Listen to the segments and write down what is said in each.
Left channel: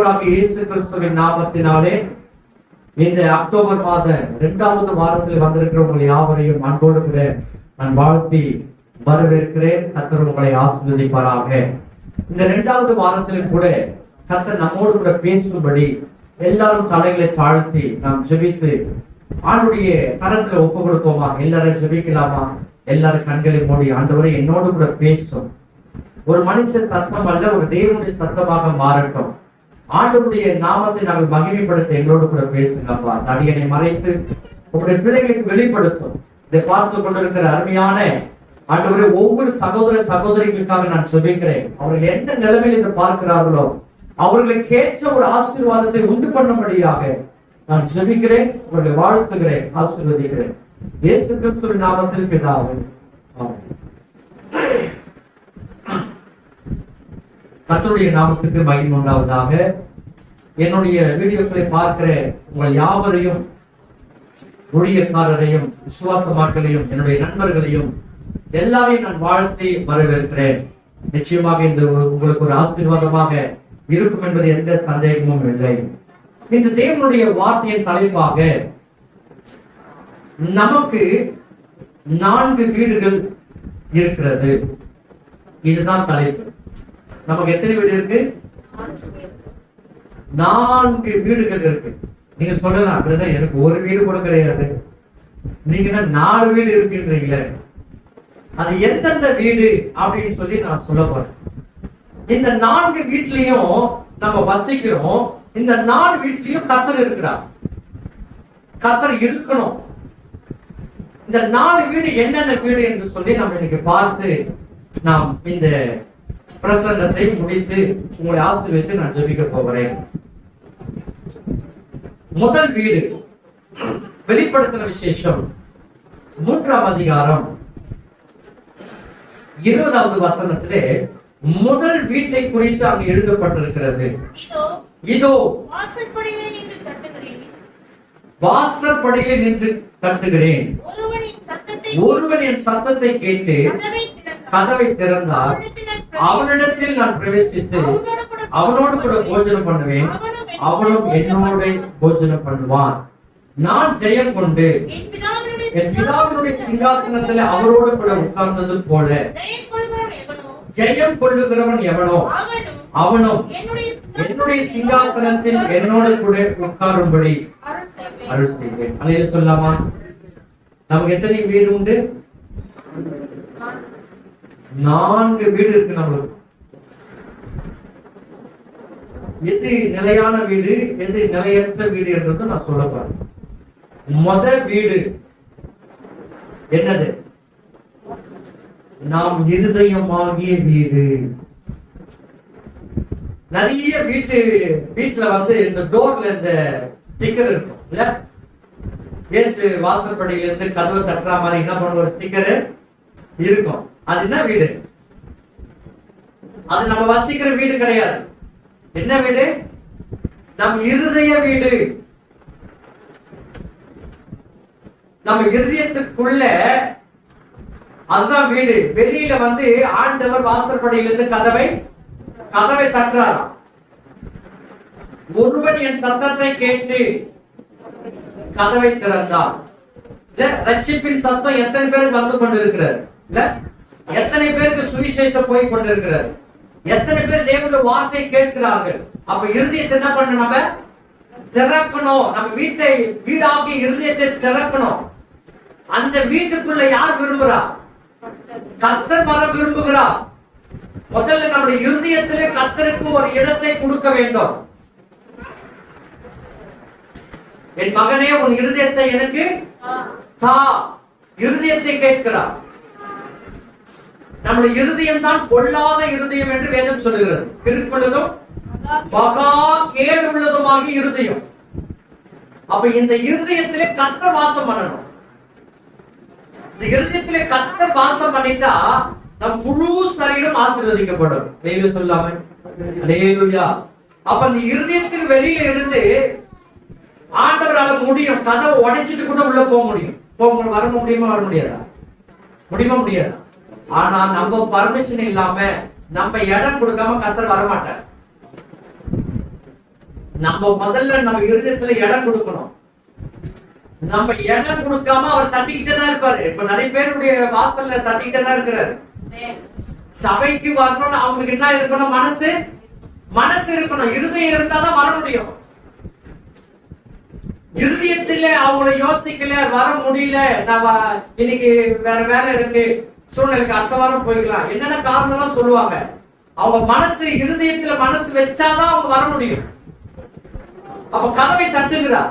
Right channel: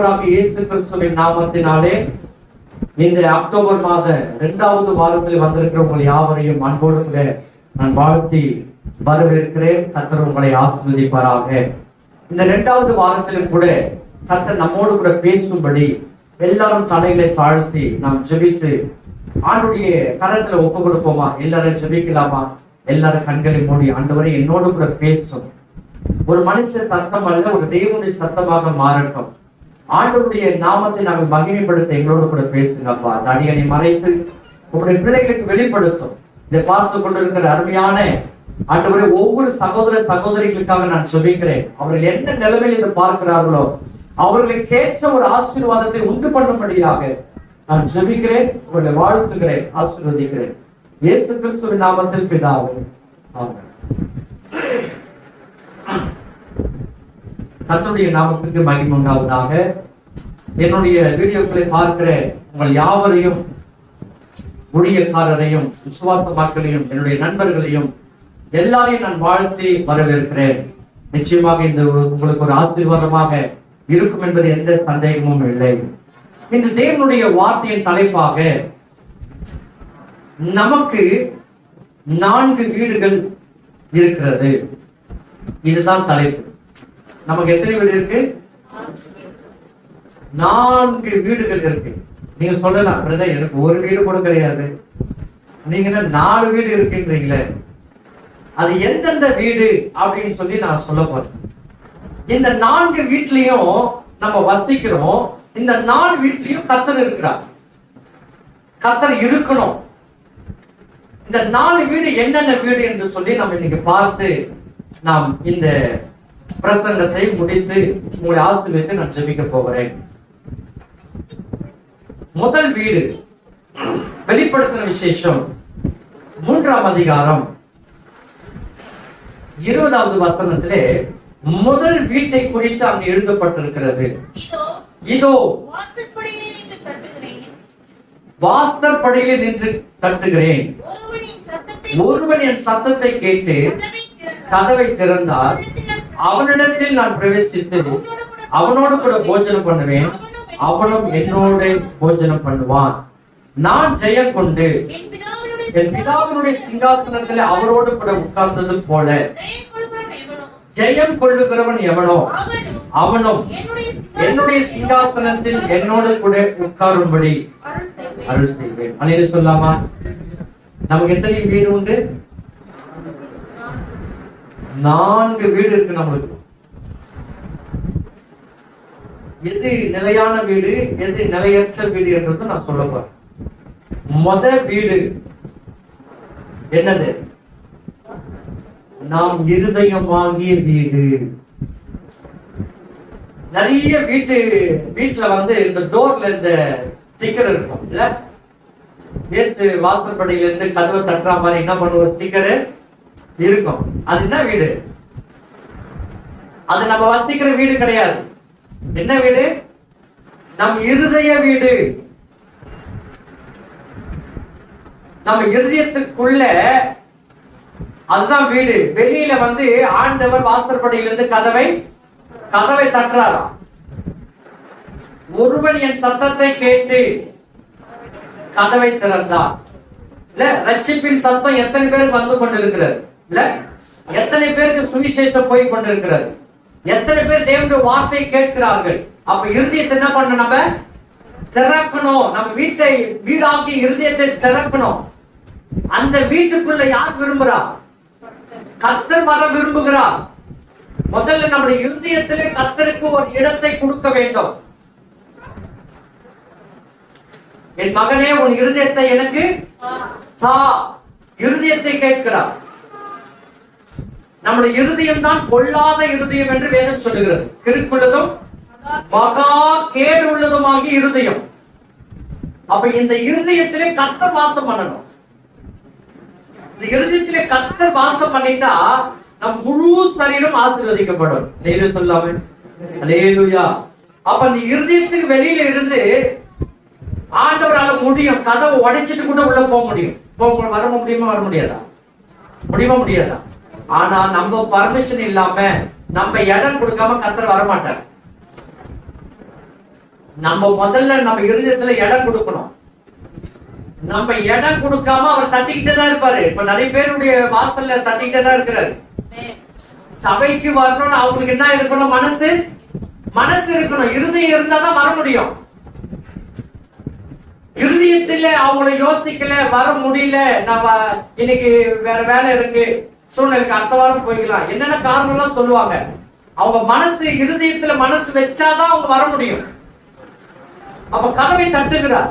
ஆண்டவராகிய இயேசு கிறிஸ்துவின் நாமத்தினாலே இந்த அக்டோபர் மாத 2வது வாரத்தில் வந்திருக்கிற உங்கள் யாவரையும் அன்போடு கூட நான் வாழ்த்தி வரவேற்கிறேன். கர்த்தர் உங்களை ஆசீர்வதிப்பாராக. இந்த 2வது வாரத்திலும் கூட கர்த்தர் நம்மோடு கூட பேசும்படி எல்லாரும் தலைகளை தாழ்த்தி நாம் ஜெபித்து ஆண்டுடைய கரத்துல ஒப்பு கொடுப்போமா? எல்லாரும் ஜெபிக்கலாமா? எல்லாரும் கண்களை மூடி, ஆண்டவரே என்னோடு கூட பேசும். ஒரு மனுஷ சத்தம் அல்ல, ஒரு தேவனுடைய சத்தமாக மாறட்டும். ஆண்டவருடைய நாமத்தை நாங்கள் மகிமைப்படுத்த எங்களோடு கூட பேசுங்க அப்பா. அடியனை மறைத்து உங்களுடைய பிள்ளைகளுக்கு வெளிப்படுத்தும். இதை பார்த்து கொண்டிருக்கிற அருமையான ஆண்டவரே ஒவ்வொரு சகோதர சகோதரிகளுக்காக நான் ஜெபிக்கிறேன். அவர்கள் என்ன நிலைமையில் இதை பார்க்கிறார்களோ அவர்களுக்கு ஏற்ற ஒரு ஆசீர்வாதத்தை உண்டு பண்ணும்படியாக நான் ஜெபிக்கிறேன், உங்களை வாழ்த்துகிறேன், ஆசீர்வதிக்கிறேன். இயேசு கிறிஸ்துவின் நாமத்தில் பிதாவே, ஆமென். கர்த்தருடைய நாமத்திற்கு மகிமை உண்டாவதாக. என்னுடைய வீடியோக்களை பார்க்கிற உங்கள் யாவரையும், ஊழியக்காரரையும், விசுவாச மக்களையும், என்னுடைய நண்பர்களையும் எல்லாரையும் நான் வாழ்த்தி வரவேற்கிறேன். நிச்சயமாக இந்த உங்களுக்கு ஒரு ஆசீர்வாதமாக இருக்கும் என்பது எந்த சந்தேகமும் இல்லை. இன்று தேவனுடைய வார்த்தையின் தலைப்பாக நமக்கு 4 வீடுகள் இருக்கிறது. இதுதான் தலைப்பு. நமக்கு எத்தனை வீடு இருக்கு? 4 வீடுகள் இருக்கு. நீங்க சொல்லலாம், எனக்கு ஒரு வீடு கூட கிடையாது, நீங்க 4 வீடு இருக்குன்றீங்களே, அது எந்தெந்த வீடு அப்படின்னு சொல்லி நான் சொல்ல போறேன். இந்த 4 வீட்லயும் நம்ம வசிக்கிறோம். இந்த 4 வீட்லயும் கர்த்தர் இருக்கிறார், கர்த்தர் இருக்கணும். இந்த 4 வீடு என்னென்ன வீடு என்று சொல்லி நம்ம இன்னைக்கு பார்த்து நாம் இந்த பிரசங்கத்தை முடித்து உங்களுடைய ஆசீர்வாதத்தை நான் ஜெபிக்க போகிறேன். முதல் வீடு, வெளிப்படுத்தின விசேஷம் 3ஆம் அதிகாரம் 20வது வசனத்திலே முதல் வீட்டை குறித்து அங்கு எழுதப்பட்டிருக்கிறது. இதோ வாசற்படியில் நின்று தட்டுகிறேன், ஒருவன் என் சத்தத்தை கேட்டு கதவை திறந்தார், அவனிடத்தில் நான் பிரவேசித்து அவனோடு கூட போஜனம் பண்ணுவேன், அவனும் என்னோட போஜனம் பண்ணுவான். நான் ஜெயம் கொண்டு என் பிதாவினுடைய சிங்காசனத்தில் அவரோடு கூட உட்கார்ந்தது போல ஜெயம் கொள்ளுகிறவன் எவனோ அவனும் என்னுடைய சிங்காசனத்தில் என்னோடு கூட உட்காரும்படி அருள் செய்வேன். அல்லேலூயா சொல்லாமா? நமக்கு எத்தனை வீடு உண்டு? 4 வீடு இருக்கு நம்மளுக்கு. எது நிலையான வீடு, எது நிலையற்ற வீடு என்றது நான் சொல்ல போறேன். முதல் வீடு என்னது? நாம் இருதயமாகிய வீடு. நிறைய வீட்டுல வந்து இந்த டோர்ல இந்த ஸ்டிக்கர் இருக்கும் இல்ல? இயேசு வாசற்படியில இருந்து கதவை தட்டுற மாதிரி என்ன பண்ணுவோம், ஒரு ஸ்டிக்கர் இருக்கும். அது என்ன வீடு? அது நம்ம வசிக்கிற வீடு கிடையாது. என்ன வீடு? நம் இருதய வீடு. நம்ம இருதயத்துக்குள்ள அதுதான் வீடு. வெளியில வந்து ஆண்டவர் வாசற்படியிலிருந்து கதவை தட்டுறாராம். ஒருவன் என் சத்தத்தை கேட்டு கதவை திறந்தார். இல்ல, ரட்சிப்பின் சத்தம் எத்தனை பேருக்கு வந்து கொண்டிருக்கிறது? இல்ல, எத்தனை பேருக்கு சுவிசேஷம் போய் கொண்டிருக்கிறது? எத்தனை பேர் தேவனுடைய வார்த்தை கேட்கிறார்கள்? அப்ப இருதயத்தை என்ன பண்ண? நம்ம திறக்கணும். நம்ம வீட்டை வீடாக்கி இருதயத்தை திறக்கணும். அந்த வீட்டுக்குள்ள யார் விரும்புறா? கர்த்தர் வர விரும்புகிறார். முதல்ல நம்முடைய இருதயத்திலே கர்த்தருக்கு ஒரு இடத்தை கொடுக்க வேண்டும். என் மகனே, உன் இருதயத்தை எனக்கு தா. இருதயத்தை கேட்கிறார். நம்முடைய இருதயம் தான் பொல்லாத இருதயம் என்று வேதம் சொல்லுகிறது. கிறுக்குள்ளதும் மகா கேடு உள்ளதுமாகி இருதயம். அப்ப இந்த இருதயத்திலே கர்த்தர் வாசம் பண்ணணும். இந்த இருதயத்திலே கர்த்தர் வாசம் பண்ணிட்டா நம் முழு சரீரம் ஆசீர்வதிக்கப்படும். அல்லேலூயா சொல்லாம? அல்லேலூயா. அப்ப இந்த இருதயத்தின் வெளியில இருந்து ஆண்டவரால முடியும். கதவை உடைச்சிட்டு கூட உள்ள போக முடியும். வர முடியுமா? வர முடியாதா? முடியாதா? ஆனா நம்ம பர்மிஷன் இல்லாம நம்ம இடம் கொடுக்காம கர்த்தர் வரமாட்டார். நம்ம முதல்ல நம்ம இருதயத்துல இடம் கொடுக்கணும். நம்ம இடம் கொடுக்காம அவர் தட்டிக்கிட்டே தான் இருப்பாரு. இப்ப நிறைய பேருடைய வாசல்ல தட்டிக்கிட்டே தான் இருக்கிறாரு. சபைக்கு வரணும்னு அவங்களுக்கு என்ன இருக்கணும்? மனசு இருக்கணும். இருதயம் இருந்தாதான் வர முடியும். இருதயத்துல அவங்கள யோசிக்கல, வர முடியல, நம்ம இன்னைக்கு வேற வேலை இருக்கு, சூழ்நிலைக்கு அடுத்த வாரம் போய்க்கலாம், என்னென்ன காரணம் எல்லாம் சொல்லுவாங்க. அவங்க மனசு இருதயத்துல மனசு வச்சாதான் அவங்க வர முடியும். அப்ப கதவை தட்டுகிறார்.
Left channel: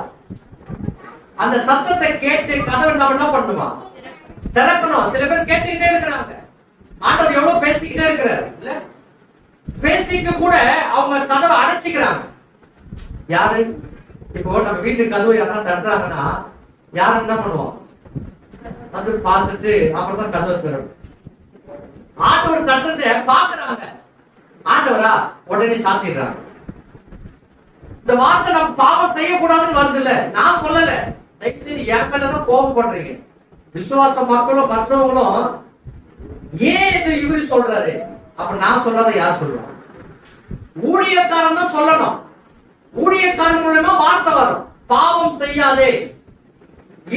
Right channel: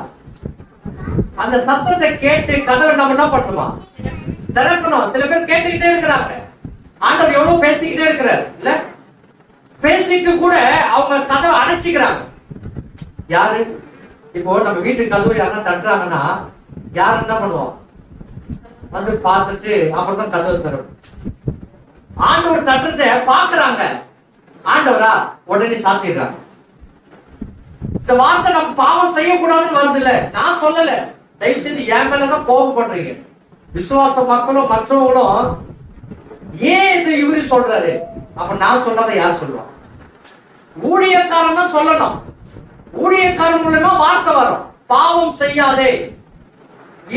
அந்த சத்தத்தை கேட்டு கதவை நம்ம என்ன பண்ணுவோம்? திறக்கணும். சில பேர் கேட்டுக்கிட்டே இருக்கிறாங்க. ஆண்டவர் எவ்வளவு பேசிக்கிட்டே இருக்கிறார் இல்ல? பேசிட்டு கூட அவங்க கதவை அடைச்சிக்கிறாங்க. யாரு? இப்போ நம்ம வீட்டுக்கு கதவு யாரும் தட்டுறாங்கன்னா யாரு என்ன பண்ணுவோம்? வந்து பார்த்துட்டு அப்புறம் தான் கதவை திறக்கும். ஆண்டவர் தட்டுறத பாக்குறாங்க. ஆண்டவரா உடனே சாத்திடுறாங்க. இந்த வார்த்தை நம்ம பாவம் செய்யக்கூடாதுன்னு வருது இல்ல? நான் சொல்லல, தயவு செய்து என் மேலதான் கோபம் பண்றீங்க. விசுவாச மக்களும் மற்றவங்களும் ஏன் இது இவரு சொல்றாரு, அப்ப நான் சொல்றதை யார் சொல்லுவாங்க? ஊழியக்காரன் தான் சொல்லணும். ஊழியக்காரன் மூலமா வார்த்தை வரும். பாவம் செய்யாதே,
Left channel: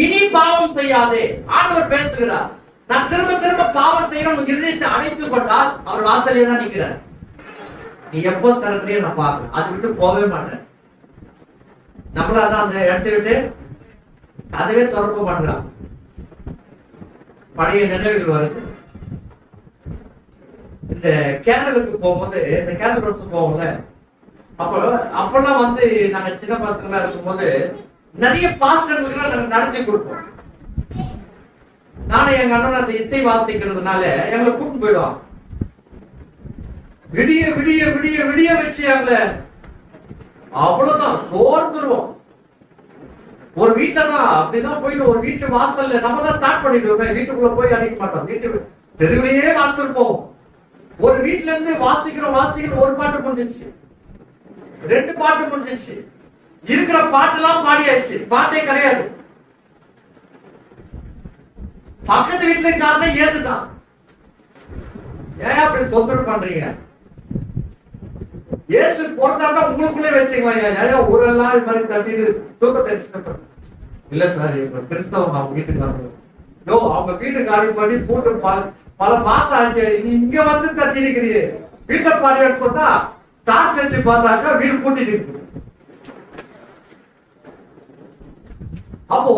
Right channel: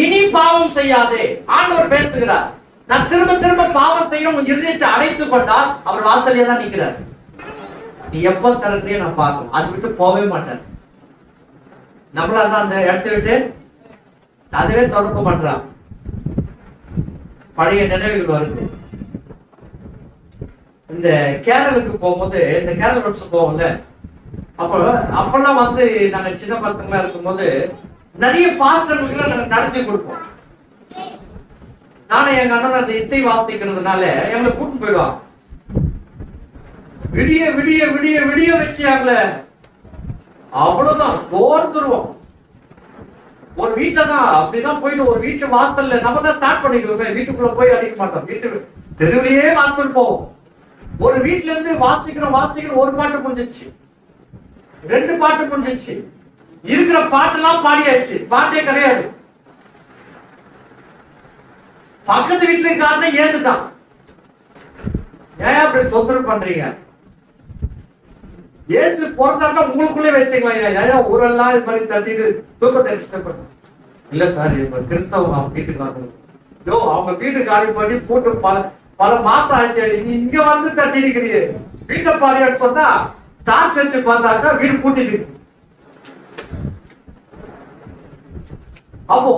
இனி பாவம் செய்யாதே. ஆண்டவர் பேசுகிறார். நான் திரும்ப திரும்ப பாவம் செய்யணும் இருதயத்தை அடைத்துக் கொண்டால் அவர் வாசலே தான் நிற்கிறார். நீ எப்போ திறக்கிறியோ நான் பார்க்கணும். அது விட்டு போகவே மாட்டேன். நம்மளாதான் அந்த இடத்தை விட்டு அதுவே தொடர்பு பண்றான். பழைய நினைவுகள் வருது. இந்த கேரளுக்கு போகும்போது, இந்த கேரள ரோட்ஸ் போகும்ல, அப்பெல்லாம் வந்து நாங்க சின்ன பசங்களா இருக்கும்போது நிறைய பாஸ்டர்களுக்கு நாங்க நடத்தி கொடுப்போம். நானும் எங்க அண்ணன் அந்த இசை வாசிக்கிறதுனால எங்களை கூட்டு போயிடுவாங்க. விடிய விடிய விடிய விடிய வச்சு எங்களை அவ்வளவுதான் சோர்ந்துருவோம். ஒரு வீட்டுல தான் அப்படிதான் போயிட்டு ஒரு வீட்டு வாசல்ல நம்ம தான் ஸ்டார்ட் பண்ணிடுவோம். வீட்டுக்குள்ள போய் அடிக்க மாட்டோம். வீட்டு தெருவிலேயே வாசல் போவோம். ஒரு வீட்டுல இருந்து வாசிக்கிறோம் ஒரு பாட்டு முடிஞ்சிச்சு, 2 பாட்டு முடிஞ்சிச்சு, இருக்கிற பாட்டெல்லாம் பாடியாச்சு, பாட்டே கிடையாது. பக்கத்து வீட்டுல காரணம் ஏந்துட்டான். ஏன் அப்படி தொந்தரவு பண்றீங்க? இயேசு பிறந்தாருன்னா உங்களுக்குள்ளே வச்சுக்கலாம். ஏன் ஊரெல்லாம் இது மாதிரி தட்டிட்டு தூக்கத்தை டிஸ்டர்ப் இல்ல சார். கிறிஸ்தவம் அவங்க வீட்டுக்கு வரணும். அவங்க வீட்டுக்கு காலி பண்ணி போட்டு பல மாசம் ஆச்சு, இங்க வந்து தட்டி இருக்கிறீங்க. வீட்டை பாருன்னு சொன்னா டார்ச் வச்சு பார்த்தாக்கா வீடு பூட்டிட்டு இருக்கு. அப்போ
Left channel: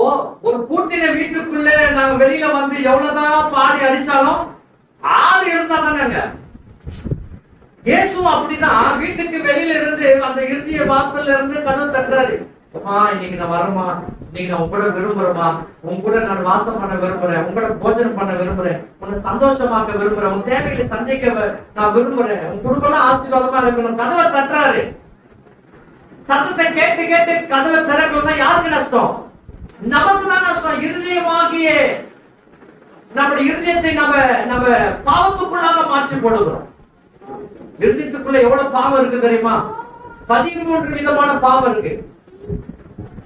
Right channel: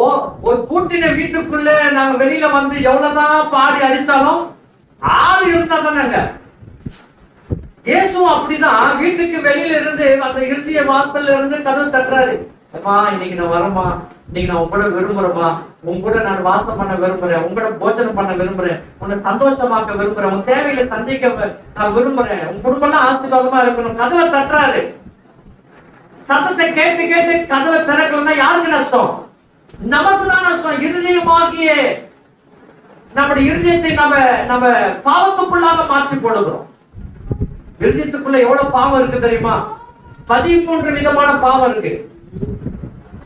ஒரு பூட்டின வீட்டுக்குள்ள நாங்க வெளியில வந்து எவ்வளவுதான் பாடி அடிச்சாலும் ஆள் இருந்தா தானேங்க. இயேசுவும் அப்படிதான் வீட்டுக்கு வெளியில இருந்து அந்த இறுதிய வாசல்ல இருந்து கதவு தட்டுறாரு. அம்மா இன்னைக்கு நான் வரமா, இன்னைக்கு நான் உங்களோட விரும்புறேமா, உங்களோட நான் வாசம் பண்ண விரும்புறேன், உங்களோட போஜனம் பண்ண விரும்புறேன், உன்னை சந்தோஷமாக்க விரும்புறேன், உன் தேவையில சந்திக்க நான் விரும்புறேன், உன் குடும்பம் எல்லாம் ஆசீர்வாதமா இருக்கணும். கதவை தட்டுறாரு. சத்தத்தை கேட்டு கேட்டு கதவை திறக்கலன்னா யாருக்கு நஷ்டம்? நமக்கு தான் நஷ்டம். இருதயமாகிய நம்முடைய இருதயத்தை நம்ம பாவத்துக்குள்ளாக மாற்றி போடுகிறோம். இருதயத்துக்குள்ள எவ்வளவு பாவம் இருக்கு தெரியுமா? 13 விதமான பாவம் இருக்கு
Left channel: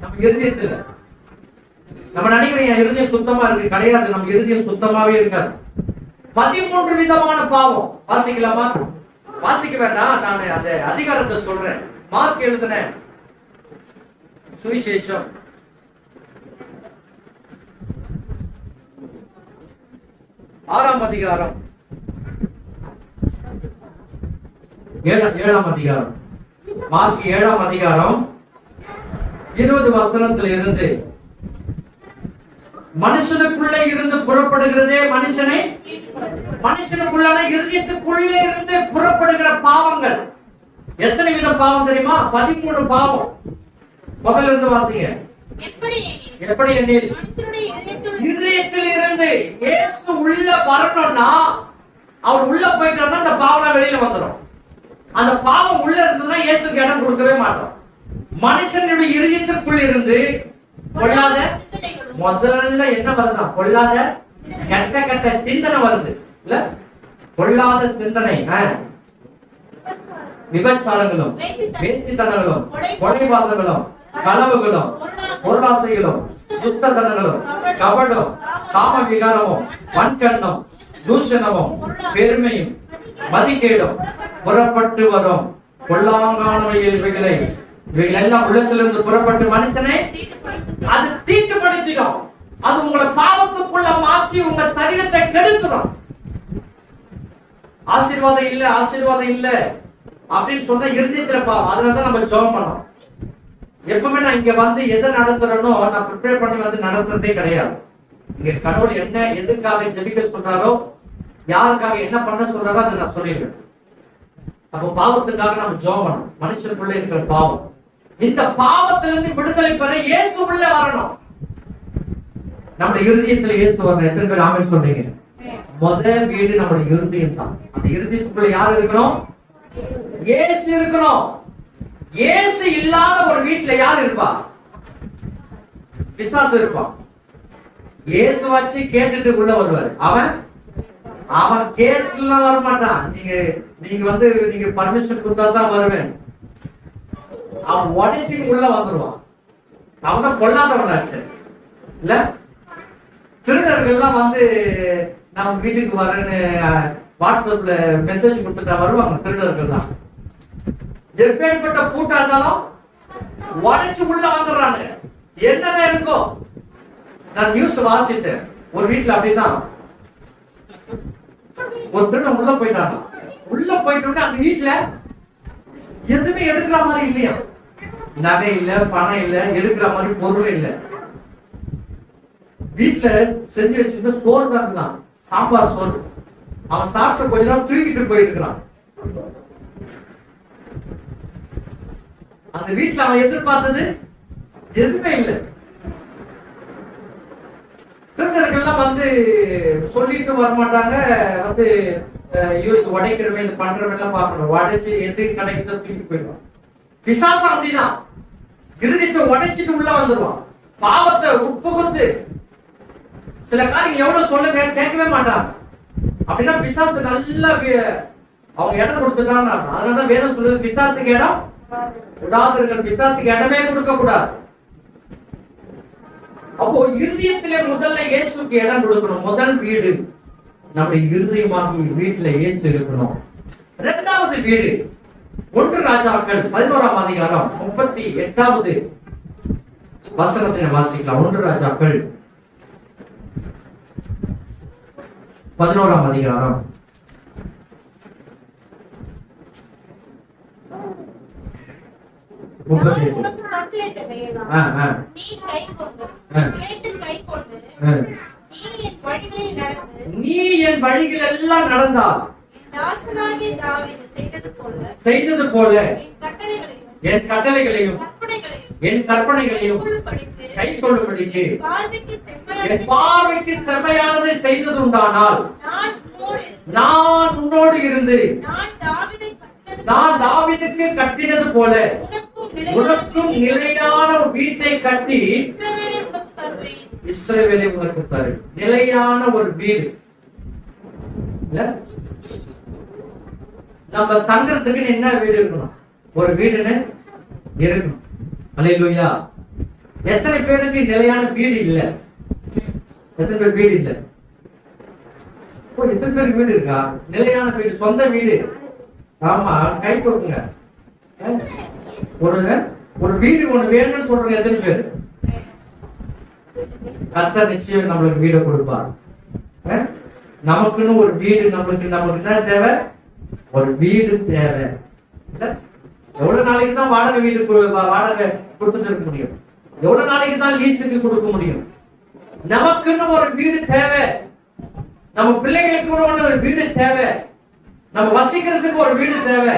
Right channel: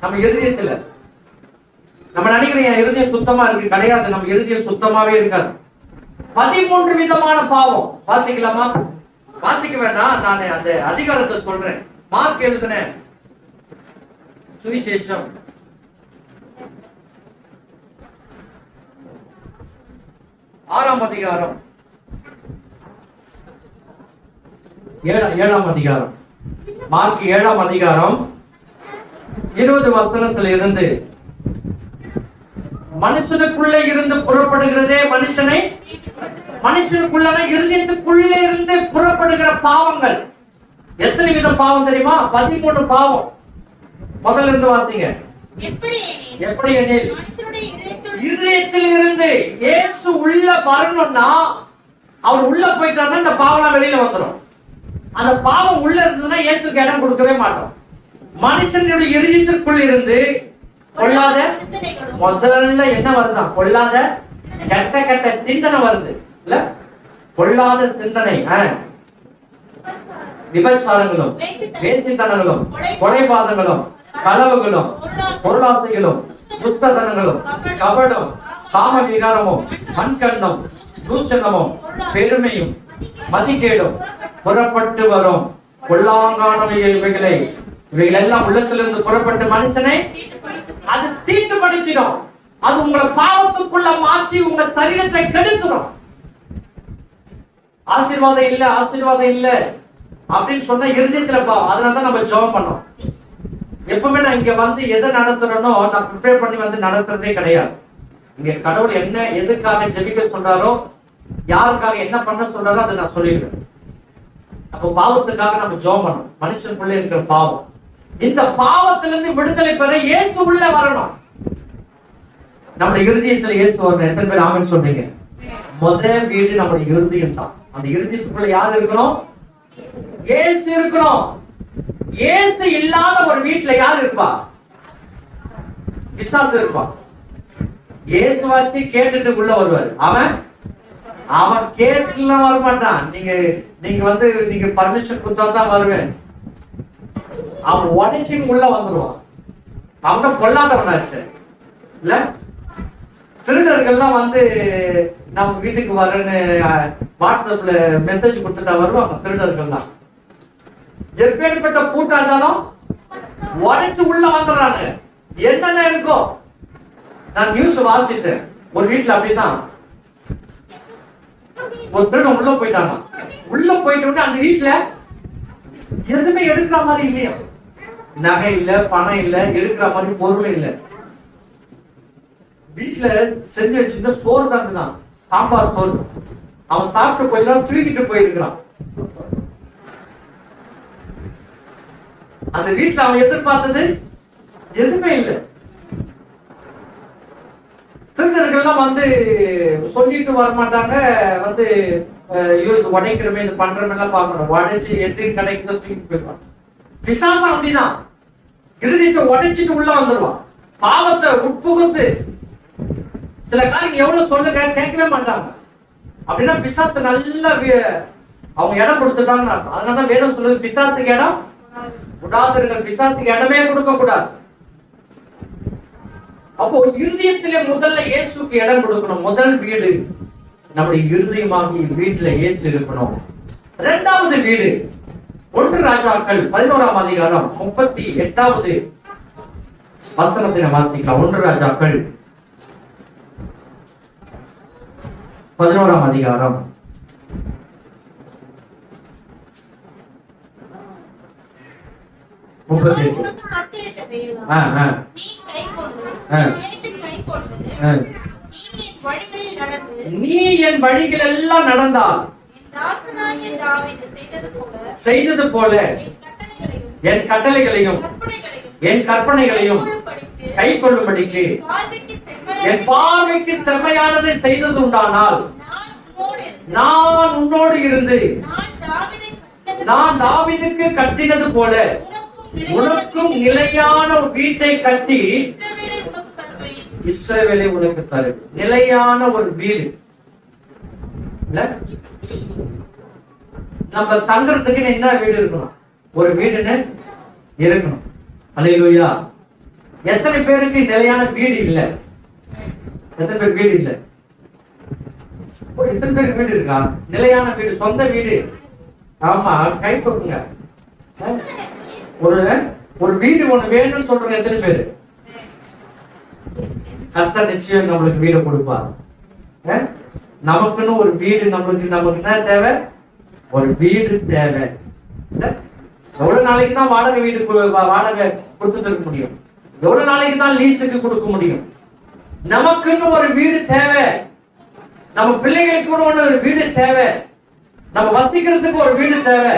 நம்ம இருதயத்துல. நம்ம நினைக்கிறோம் இருதயம் சுத்தமா இருக்கு, கிடையாது. நம்ம இருதயம் சுத்தமாவே இருக்காது. 13 விதமான பாவம். வாசிக்கலாமா? வாசிக்க வேண்டாம், நான் அந்த அதிகாரத்தை சொல்றேன். மார்க் எழுதின சுவிசேஷம் 6ஆம் அதிகாரம் 7ஆம் அதிகாரம். மார்க் 7ஆம் அதிகாரம் 20 வசனத்தில் இருந்து, மனுஷனுக்குள்ளே இருந்து புறப்படுகிறதே மனுஷனுக்குள்ள இருதயத்துக்குள்ளே இருந்து புறப்படுகிற பாவங்கள். எத்தனை விதம் பாவம் தெரியுமா? 13 பாவம். முதல்ல இருந்து வாசிங்க. எப்படி எனில் இருதயத்தில் இருந்து இயேசு உள்ள வரணும்னா, அவர் உள்ள போயிட்டாருன்னா இந்த பாவம் வெளியில வந்துடும். அந்த பாவம் உள்ள இருந்ததுன்னா இயேசுக்கு இடம் கொடுக்கவே மாட்டோம். மனுஷனுடைய இருதயத்திற்குள் இருந்து பொல்லாத, முதல்ல என்ன வருதா? பொல்லாத கெட்ட கெட்ட சிந்தனை வருது இல்ல? பொல்லாத சிந்தனை, விபச்சாரங்களும், வேசித்தனங்களும், கொலைபாதங்களும், களவுகளும், பொருளாசைகளும், துஷ்டத்தனங்களும், கபடும், காம விகாரமும், வன்கண்ணும், தூஷணமும், பெருமையும், மதிகேடும் புறப்பட்டு வரும் பொல்லாங்கான இவைகளை இவைகள் எல்லாம் உள்ளத்திலிருந்து புறப்பட்டு மனுஷனை அது தீட்டுப்படுத்திடும். அது உங்களை பாவத்துக்குள்ள மாற்றி உங்க சரீரத்தை கெடுத்துடும். ஆசீர்வாதம் இல்ல, ஆசீர்வாதம் இல்ல அப்படின்னு சொன்னா இருதயத்துல பாவம். அதனாலதான் நம்ம ஜெபம் பண்ணோம். எப்பவுமே நான் இங்க வந்து எதை நடத்துறேனோ நான் ப்ரிப்பேர் பண்ணி வந்து நடத்துறதே கிடையாது. இங்க கடவுள் என்ன எதுக்காக ஜெபிக்க சொல்றாரோ, யாருக்காக என்ன பண்ண சொல்றாரோ அதை நான் சொல்லிடுவேன். அப்போ பாவத்துக்காக நம்ம ஜெபம் பண்ணணும். மனுஷனுக்குள்ள இருக்கிற பாவம், இந்த பாவத்திலிருந்து விடுதலை பெற இயேசு உள்ள வரணும். நம்ம இருதயத்துல இயேசு வரணும். எத்தனை பேர் ஆமென் சொன்னீங்க? முதல் வீடு நம்முடைய இருதயம் தான். அந்த இருதயத்துக்குள்ள யார் இருக்கணும்? இயேசு இருக்கணும். இயேசு இல்லாத ஒரு வீட்டுல யார் இருப்பா? பிசாசு இருப்பான். இயேசு வச்சு கேட்டுட்டு உள்ள வருவாரு. அவன் கேட்டுல வர மாட்டான். நீங்க வந்து நீங்க பர்மிஷன் கொடுத்தா தான் வருவேன். அவன் உடச்சி உள்ள வந்துருவான். அவங்க கொல்லாதவனாச்சு இல்ல. திருடர்கள்லாம் வந்து நம்ம வீட்டுக்கு வரேன்னு வாட்ஸ்அப்ல மெசேஜ் கொடுத்துட்டா வருவாங்க. திருடர்கள்லாம் எப்பேற்பட்ட கூட்டா இருந்தாலும் உடச்சு உள்ள வந்துடுறாங்க. என்னென்ன இருக்கோ. நான் நியூஸ் வாசித்தேன். ஒரு வீட்டுல அப்படிதான் ஒரு திருடன் உள்ள போயிட்டாங்க. உள்ள போயிட்டு அந்த வீட்டுல எதுவுமே எடுக்கிற மாதிரி இல்லையா. நகை இல்ல, பணம் இல்ல, எடுக்கிற மாதிரி பொருள் இல்ல. வீட்டுல செஞ்சு வச்சிருந்த சோறு தான், சாம்பார் சோறு. அவன் சாப்பிட்டு போயிடலாம், தூக்கிட்டு போயிருக்கிறான். அந்த வீட்டுல அவன் எதிர்பார்த்தது எதுவுமே இல்லை. திருடர்கள்லாம் வந்து சொல்லிட்டு வரமாட்டாங்க. வந்து இவருக்கு உடைக்கிறமே இது பண்றமே எல்லாம் பார்க்கணும். உடைச்சு எது கடைக்கு தூக்கிட்டு போயிடுவான். பிசாசம் அப்படிதான் இருதயத்தை உடைச்சிட்டு உள்ள வந்துருவான். பாவத்தை உட்புகுந்து சில காரியம் எவ்வளவு சொல்லுங்க கேட்கவே மாட்டாங்க. அப்படின்னா பிசாசு நல்ல அவங்க இடம் கொடுத்துட்டாங்க. அதனாலதான் வேதம் சொல்றது பிசாசுக்கு இடம் விடாதீர்கள். பிசாசுக்கு இடமே கொடுக்க கூடாது. அப்போ இருதயத்திலே முதல்ல இயேசுக்கு இடம் கொடுக்கணும். முதல் வீடு நம்முடைய இருதயமாகி வீட்டுல இயேசு இருக்கணும். இரண்டாவது வீடு 1 ராஜாக்கள் 11ஆம் அதிகாரம் 38வது வசனத்தினை வாசிக்கலாம். 1 ராஜாக்கள் 11ஆம் அதிகாரம் 38. நீ என் வழிகள் எல்லாம் நடந்தால் செய்தது போல என் கட்டளைகளையும் என் கற்பனைகளையும் கை கொள்ளும்படிக்கு என் பார்வைக்கு செம்மையானதை செய்தது உண்டானால் நான் உன்னோடு இருந்து நான் தாவீதுக்கு கட்டினது போல உனக்கும் நிலையான வீட்டை கட்டி இஸ்ரவேலை உனக்கு தரும். நிலையான ஒரு வீடு நம்ம தங்கறதுக்கு என்ன வீடு இருக்கணும்? ஒரு வீடுன்னு இருக்கணும். அல்லேலூயா. எத்தனை பேருக்கு நிலையான வீடு இல்ல? எத்தனை பேர் வீடு இல்ல? எத்தனை பேருக்கு வீடு இருக்கா? நிலையான வீடு, சொந்த வீடு. ஆமா, கை கொடுங்க. ஒரு வீடு ஒண்ணு வேணும்னு சொல்றீங்க. எத்தனை பேரு? கர்த்தர் நிச்சயம் நம்மளுக்கு வீடு கொடுப்பார். நமக்குன்னு ஒரு வீடு. நமக்கு என்ன தேவை? ஒரு வீடு தேவை. எவ்வளவு நாளைக்கு தான் வாடகை வீடு வாடகை கொடுத்துட்டு இருக்க முடியும்? எவ்வளவு நாளைக்கு தான் லீஸுக்கு கொடுக்க முடியும்? நமக்குன்னு ஒரு வீடு தேவை. நம்ம பிள்ளைகளுக்கு கூட ஒரு வீடு தேவை. நம்ம வசிக்கிறதுக்கு ஒரு வீடு தேவை.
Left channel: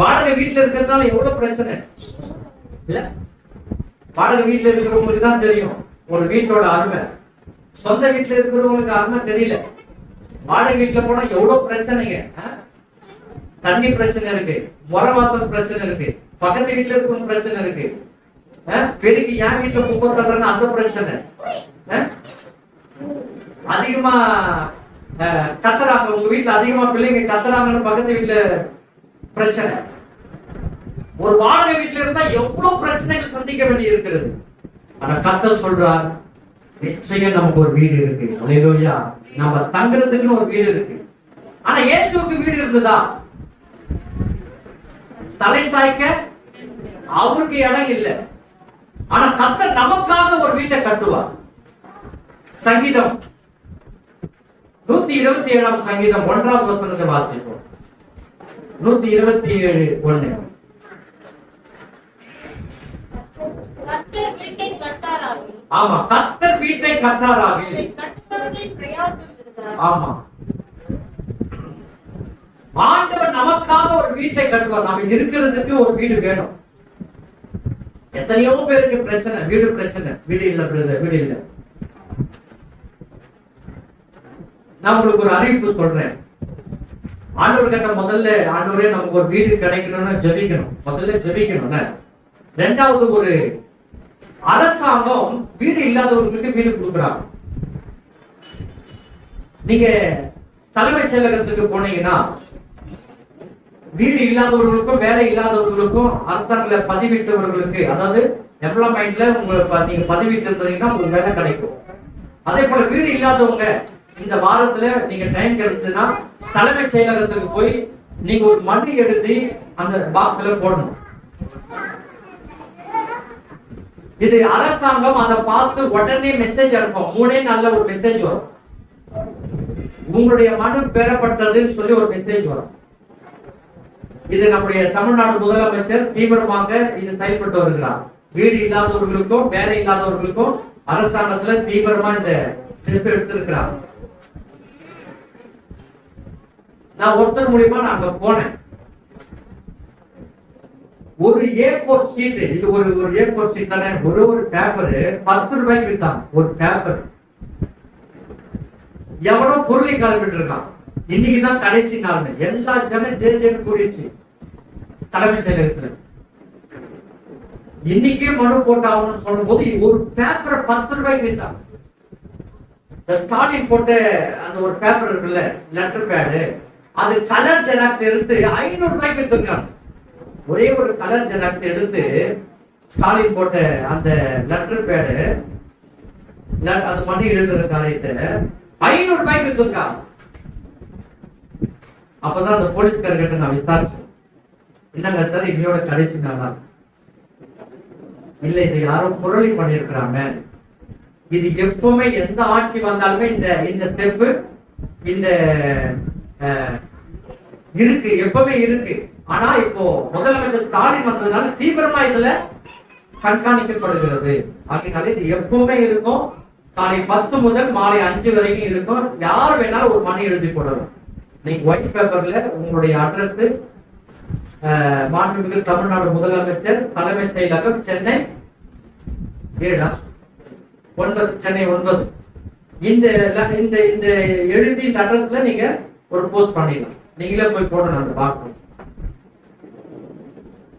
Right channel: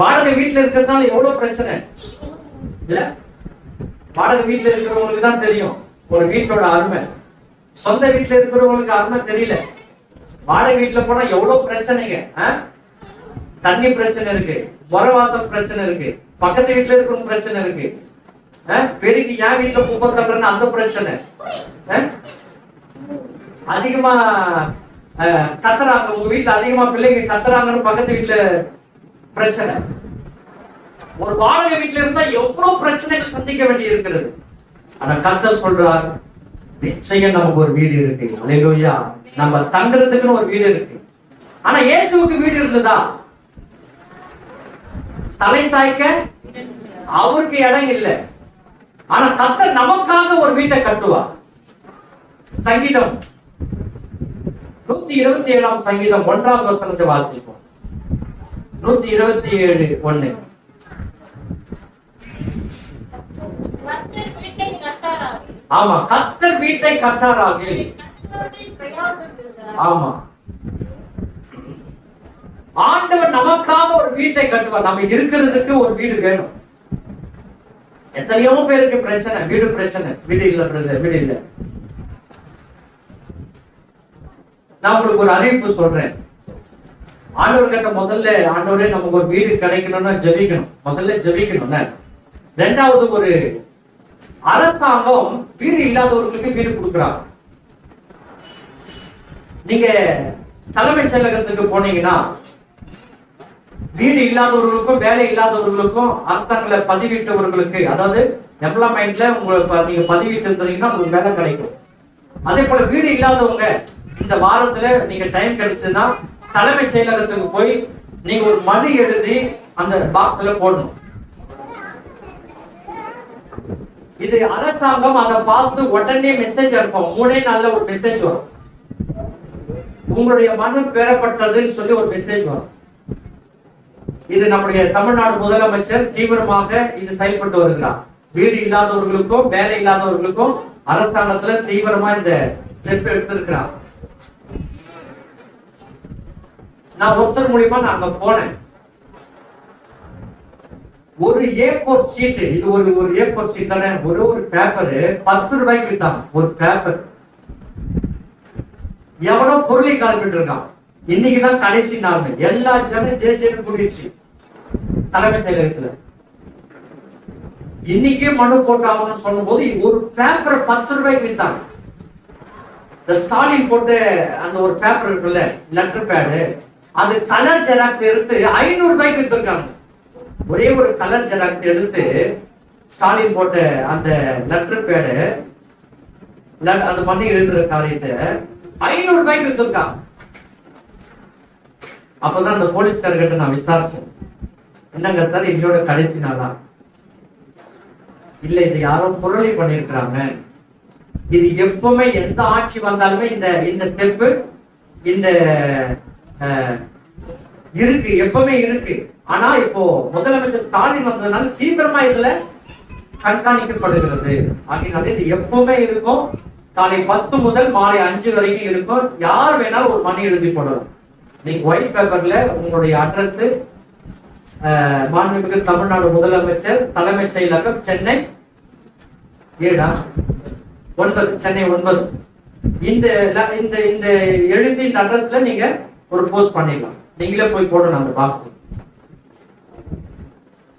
வாடகை வீட்டுல இருக்கிறதுனால எவ்வளவு பிரச்சனை இல்ல? வாடகை வீட்டுல இருக்கிறவங்களுக்கு தான் தெரியும் ஒரு வீட்டோட அருமை. சொந்த வீட்டுல இருக்கிறவங்களுக்கு அருமை தெரியல. வாடகை வீட்டுல போனா எவ்வளவு பிரச்சனைங்க. தண்ணி பிரச்சனை இருக்கு, முறவாசல் பிரச்சனை இருக்கு, பக்கத்து வீட்டுல இருக்கிற பிரச்சனை இருக்கு, பெருக்கி என் வீட்டுல குப்பை தட்டுறன்னு அந்த பிரச்சனை. அதிகமா கத்துறாங்க, உங்க வீட்டுல அதிகமா பிள்ளைங்க கத்துறாங்கன்னு பக்கத்து வீட்டுல பிரச்சனை. ஒரு வாடகை வீட்டுல இருந்தா எவ்வளவு பிரச்சனைகள் சந்திக்க வேண்டி இருக்கிறது. ஆனா கர்த்தர் சொல்றார், நிச்சயம் நமக்கு ஒரு வீடு இருக்கு. அல்லேலூயா. நம்ம தங்குறதுக்குன்னு ஒரு வீடு இருக்கு. ஆனா இயேசுவுக்கு வீடு இருந்ததா? தலை சாய்க்க அவருக்கு இடம் இல்லை. ஆனா கர்த்தர் நமக்காக ஒரு வீட்டை கட்டுவார். சங்கீதம் 127 சங்கீதம் 1வது வசனத்தை வாசிப்போம். 127:1. ஆமா, கர்த்தர் வீட்டை கட்டாராக. ஆமா, ஆண்டவர் நமக்காக ஒரு வீட்டை கட்டுவார். நம்ம இருக்கிறதுக்கு ஒரு வீடு வேணும். எத்தனையோ பேருக்கு பிரச்சனை, வீடு பிரச்சனை, வீடு இல்ல பிரதர், வீடு இல்ல. நான் உங்களுக்கு ஒரு அறிவிப்பு சொல்றேன். ஆண்டவர் கிட்ட முதல்ல, ஆண்டவரே நமக்கு ஒரு வீடு கிடைக்கணும்னா ஜெபிக்கணும். முதல்ல ஜெபிக்கணும். ரெண்டாவது, ஒரு அரசாங்கம் வீடு இல்லாதவர்களுக்கு வீடு கொடுக்குறாங்க. நீங்க தலைமைச் செயலகத்துக்கு போனீங்கன்னா வீடு இல்லாதவர்களுக்கும் வேலை இல்லாதவர்களுக்கும் அரசாங்கத்துல பதிவிட்டவர்களுக்கு, அதாவது எம்ப்ளாய்மெண்ட்ல உங்களுக்கு நீங்க பதிவிட்டு இருந்தீங்கன்னா உங்களுக்கு வேலை கிடைக்கும். அதே போல வீடு இல்லாதவங்க இந்த வாரத்துல நீங்க டைம் கிடைச்சதுன்னா தலைமைச் செயலகத்துக்கு போய் நீங்க ஒரு மனு எழுதி அந்த பாக்ஸ்ல போடணும். இது அரசாங்கம் அதை பார்த்து உடனே மெசேஜ் அனுப்பும். 3 நாள்ல ஒரு மெசேஜ் வரும். உங்களுடைய மனு பெறப்பட்டதுன்னு சொல்லி ஒரு மெசேஜ் வரும். இது நம்முடைய தமிழ்நாடு முதலமைச்சர் தீவிரமாக இது செயல்பட்டு வருகிறார். வீடு இல்லாதவர்களுக்கும் வேலை இல்லாதவர்களுக்கும் அரசாங்கத்துல தீவிரமா இந்த ஸ்டெப் எடுத்திருக்கிறார். நான் ஒருத்தர் மூலியமா நான் அங்க போனேன். ஒரு A4 சீட், இது ஒரு A4 சீட் தானே, ஒரு பேப்பர் 10 ரூபாய்க்கு வித்தாங்க. ஒரு பேப்பர் எவனோ பொருளை கிளம்பிட்டு இருக்கான். இன்னைக்குதான் கடைசி நாள். எல்லா ஜனம் ஜேஜேன்னு கூடிச்சு தலைமைச் செயலகத்துல. இன்னைக்கே மனு போட்டாகணும்னு சொல்லும் போது ஒரு பேப்பரை 10 ரூபாய்க்கு வித்தாங்க. ஸ்டாலின் போட்ட அந்த ஒரு பேப்பர் இருக்குல்ல, லெட்டர் பேடு, அது கலர் ஜெராக்ஸ் எடுத்து 500 ரூபாய்க்கு வித்துருக்காங்க. ஒரே ஒரு கலர் ஜெராக்ஸ் எடுத்து ஸ்டாலின் போட்ட அந்த லெட்டர் பேடு, அது பண்ணி எழுதுற காரியத்தை 500 ரூபாய்க்கு வித்துருக்காங்க. அப்பதான் அந்த போலீஸ்காரர்கிட்ட நான் விசாரிச்சேன், என்னங்க சார் இன்னையோட கடைசி நாளா? இல்ல, இது யாரோ பொருளை பண்ணிருக்கிறாங்க. இது எப்பவுமே எந்த ஆட்சி வந்தாலுமே இந்த ஸ்டெப் இந்த இருக்கு, எப்பவுமே இருக்கு. ஆனா இப்போ முதலமைச்சர் ஸ்டாலின் வந்ததுனால தீவிரமா இதுல கண்காணிக்கப்படுகிறது. ஆகினால இது எப்பவுமே இருக்கும். காலை 10 முதல் மாலை 5 வரைக்கும் இருக்கும். யார் வேணாலும் ஒரு மணி எழுதி போடணும். நீங்க ஒயிட் பேப்பர்ல உங்களுடைய அட்ரஸ், மாண்புமிகு தமிழ்நாடு முதலமைச்சர் தலைமைச் செயலகம் சென்னை 9 சென்னை 9 இந்த எழுதி இந்த அட்ரஸ்ல நீங்க ஒரு போஸ்ட் பண்ணிடலாம். நீங்களே போய் போடணும் அந்த பாக்ஸ்.